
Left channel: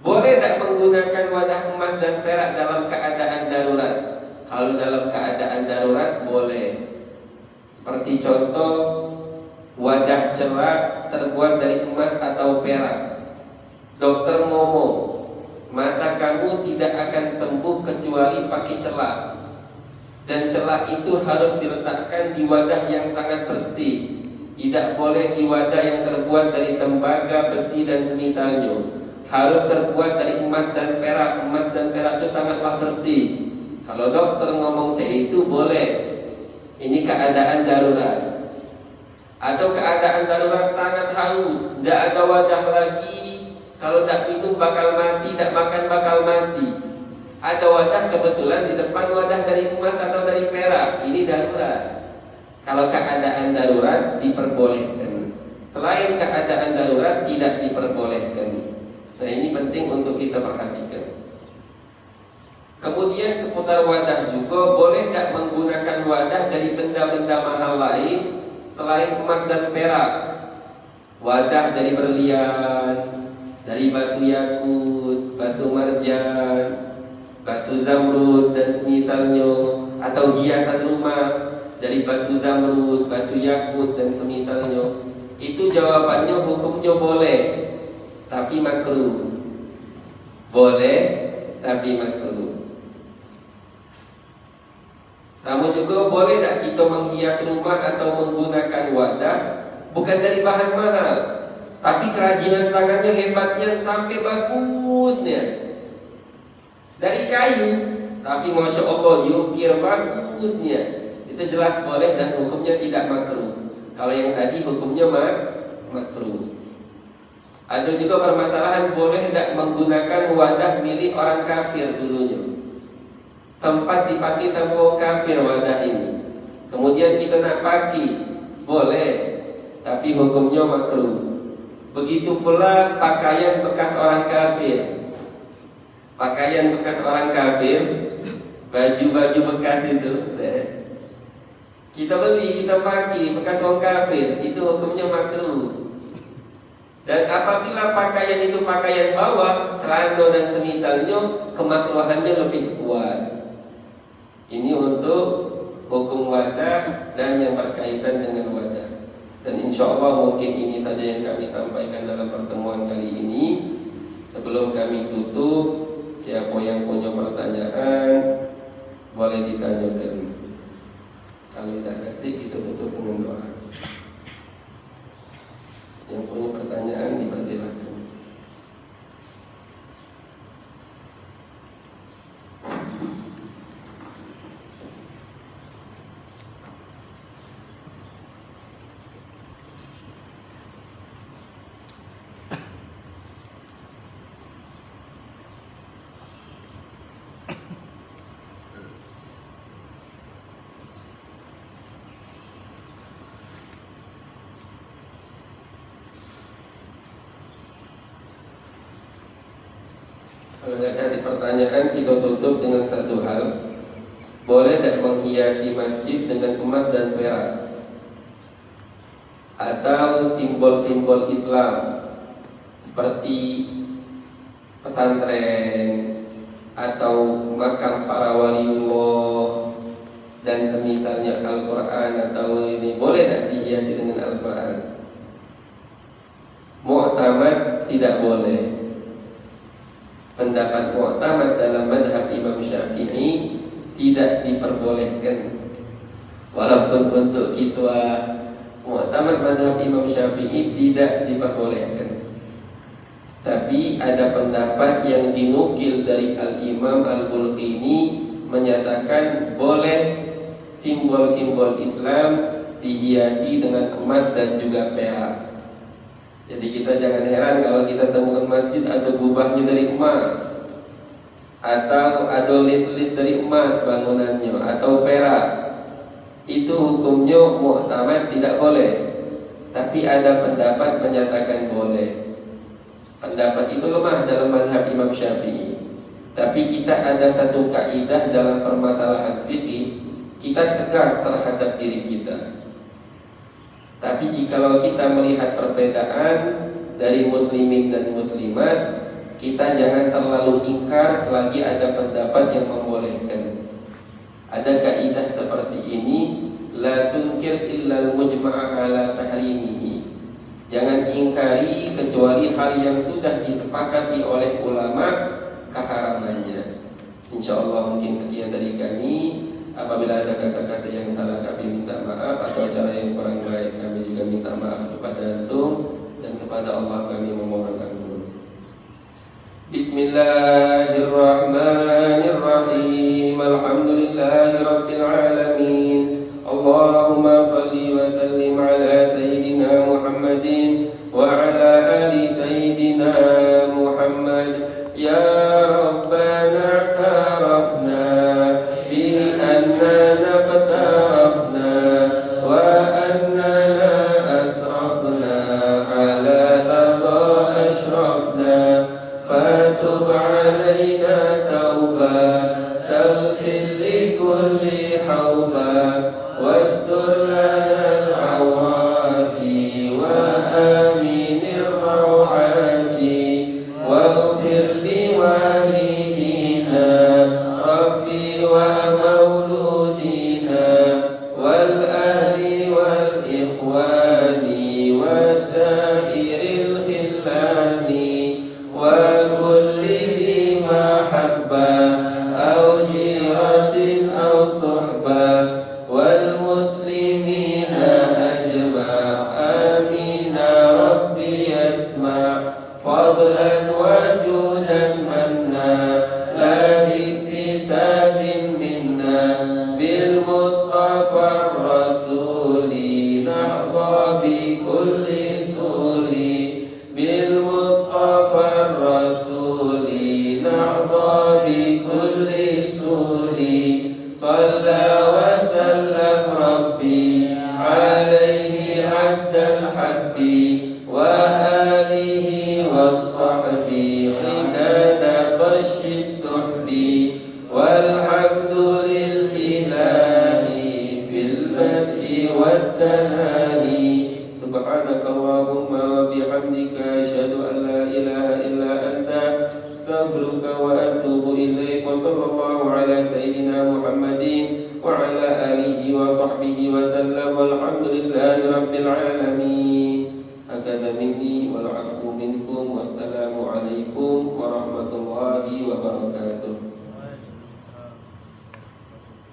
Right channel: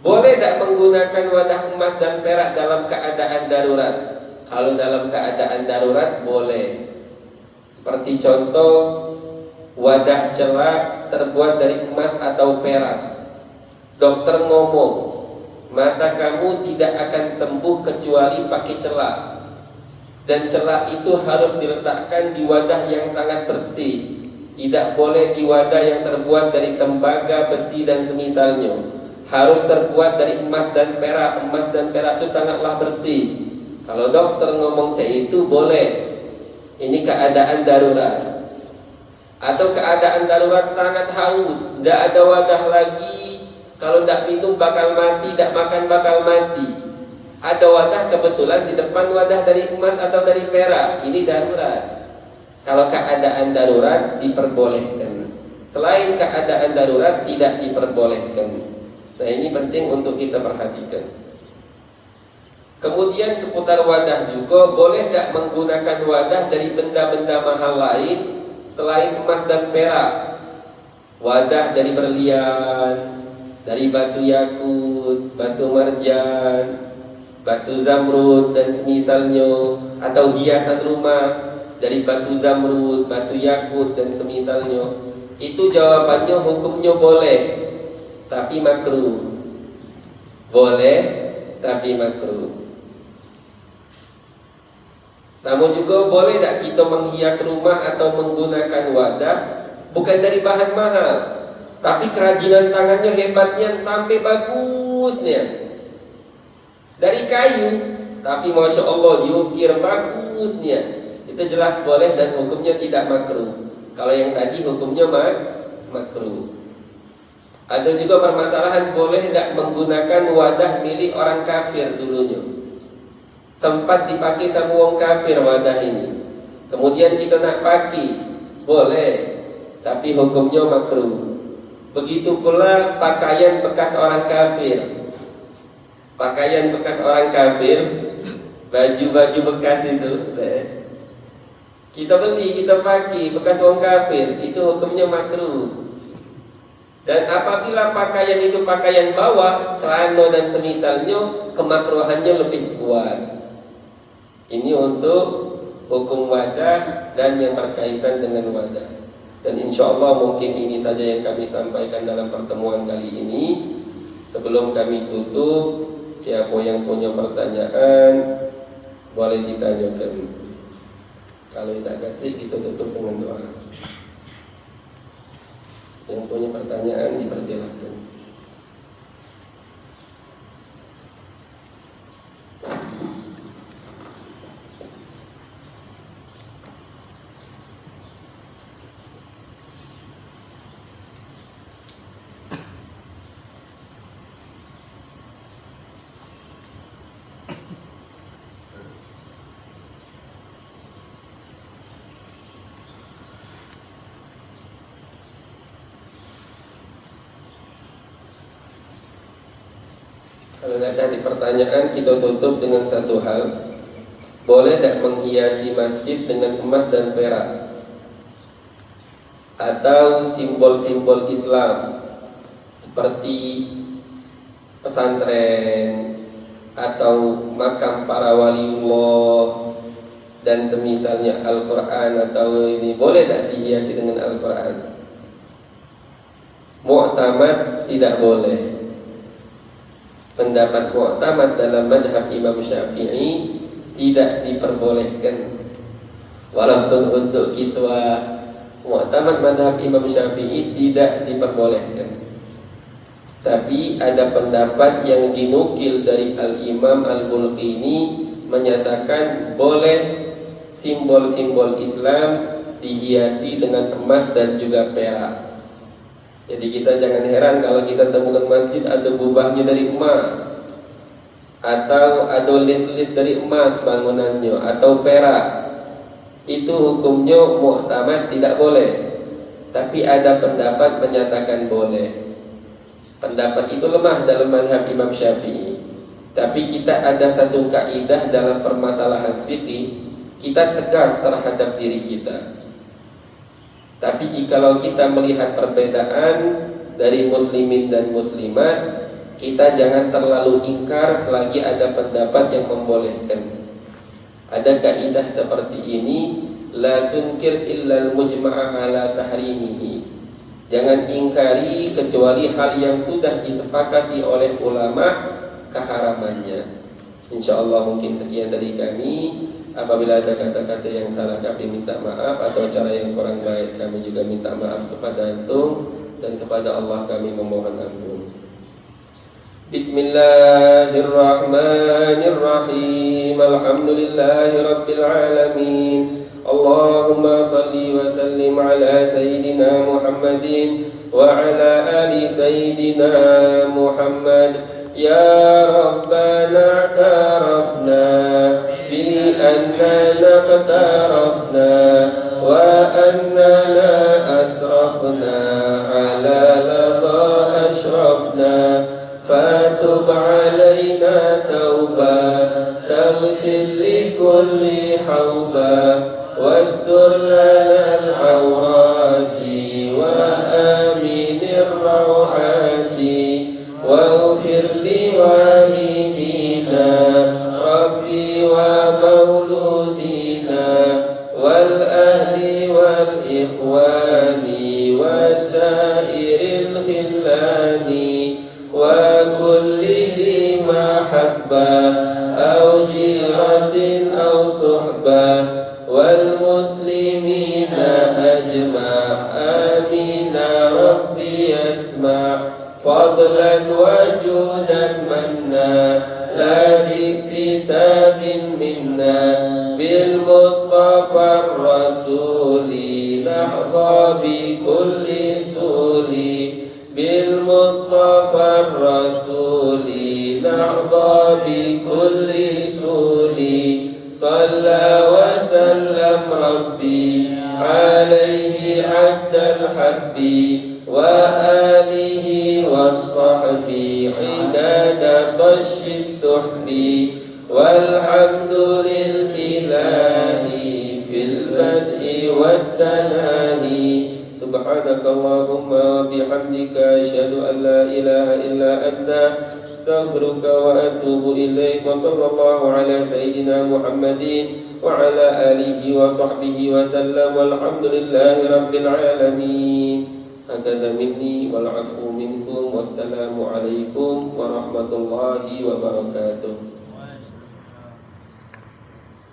Boleh tak menggunakan wadah emas dan perak dalam keadaan darurat? Kalau dalam keadaan darurat boleh. Seperti contoh wadah celak terbuat dari emas atau perak. Dokter ngomong, mata kamu tidak akan sembuh kecuali pakai celak. Dan celak itu harus diletakkan di wadah yang sangat bersih. Tidak boleh di wadah yang terbuat dari tembaga, besi dan semisalnya. Harus terbuat dari emas dan perak. Emas dan perak itu sangatlah bersih. Kalau dokter ngomong itu boleh. Ini keadaan darurat. Atau keadaan darurat sangat haus, tidak ada wadah lagi. Kalau tidak minum bakal mati, tidak makan bakal mati. Ada wadah kebetulan di depan wadah dari emas atau dari perak. Ini darurat. Kalau keadaan darurat diperbolehkan. Selain keadaan darurat tidak diperbolehkan. Nah, ini penting untuk kita perhatikan. Kemudian seputar wadah juga, boleh nggak menggunakan wadah dari benda-benda mahal lain selain emas dan perak? Wadah dari berlian, dari batu yakut, batu marjan, batu zamrud dan semisalnya, atau hiasan rumah dari batu zamrud, batu yakut dan semisalnya. Itu jawabannya hukumnya boleh, tapi makruh. Boleh, tapi makruh. Sama juga boleh tak kita menghias rumah atau menggunakan wadah bukan dari bahan mahal, tapi kerajinan tangannya hebatnya sampai bagusnya. Dari kayu, tapi Masya Allah diukir bagusnya. Itu jelas boleh dan hukumnya tidak makruh. Kalau yang tadi hukumnya makruh. Ada juga permasalahan boleh tak menggunakan wadah milik orang kafir dulunya. Sempat dipakai sama orang kafir wadah ini. Kemudian kita nak pakai, boleh, tapi hukumnya makruh. Begitu pula pakaian bekas orang kafir. Pakaian bekas orang kafir, baju-baju bekas itu, kita beli, kita pakai bekas orang kafir, itu hukumnya makruh. Dan apabila pakaian itu pakaian bawah, celana dan semisalnya, kemakruhannya lebih kuat. Ini untuk hukum wadah dan yang berkaitan dengan wadah. Dan insya Allah mungkin ini saja yang kami sampaikan dalam pertemuan kali ini. Sebelum kami tutup, siapa yang punya pertanyaan boleh ditanyakan. Kalau tidak ganti kita tutup dengan doa. Yang punya pertanyaan dipersilakan. Kalau tidak ada pertanyaan, kita tutup dengan satu hal. Boleh tidak menghiasi masjid dengan emas dan perak atau simbol-simbol Islam seperti pesantren atau makam para waliullah dan semisalnya Al-Quran atau ini, boleh tidak dihiasi dengan Al-Quran? Mu'tamad tidak boleh. Pendapat mu'tamad dalam madhab Imam Syafi'i tidak diperbolehkan. Walaupun untuk kiswah, mu'tamad madhab Imam Syafi'i tidak diperbolehkan. Tapi ada pendapat yang dinukil dari Al-Imam Al-Bulqini menyatakan boleh simbol-simbol Islam dihiasi dengan emas dan juga perak. Jadi kita jangan heran kalau kita temukan masjid ada gubahnya dari emas, atau ada list-list dari emas bangunannya, atau perak. Itu hukumnya mu'tamad tidak boleh. Tapi ada pendapat menyatakan boleh. Pendapat itu lemah dalam mazhab Imam Syafi'i. Tapi kita ada satu kaidah dalam permasalahan fikih, kita tegas terhadap diri kita. Tapi jikalau kita melihat perbedaan dari muslimin dan muslimat, kita jangan terlalu ingkar selagi ada pendapat yang membolehkan. Ada kaidah seperti ini, la tunkir illa al-mujma'a ala tahrimihi. Jangan ingkari kecuali hal yang sudah disepakati oleh ulama keharamannya. Insyaallah mungkin sekian dari kami. Apabila ada kata-kata yang salah kami minta maaf, atau cara yang kurang baik kami juga minta maaf kepada antum, dan kepada Allah kami memohon ampun. Bismillahirrahmanirrahim. Alhamdulillahirabbil alamin. Allah واستر لنا العورات وآمن الروعات واغفر لوالدينا ربي ومولودينا والأهل والإخوان وسائر الخلان وكل ذي محبة أو جيرة أو صحبة والمسلمين أجمع آمين ربي يسمع فضلا وجودا منا لا باكتساب منا بالمصطفى الرسول نحظى بكل سول بالمصطفى الرسول نحظى بكل سول صلى وسلم ربي عليه عد الحب وآله والصحب عداد طش السحب والحمد للإله في البدء والتناهي سبحانك اللهم وبحمدك أشهد أن لا إله إلا أنت أستغفرك وأتوب إليك وصلى الله على سيدنا محمد وعلى آله وصحبه وسلم والحمد لله رب العالمين. هكذا مني والعفو منكم والسلام عليكم ورحمة الله وبركاته.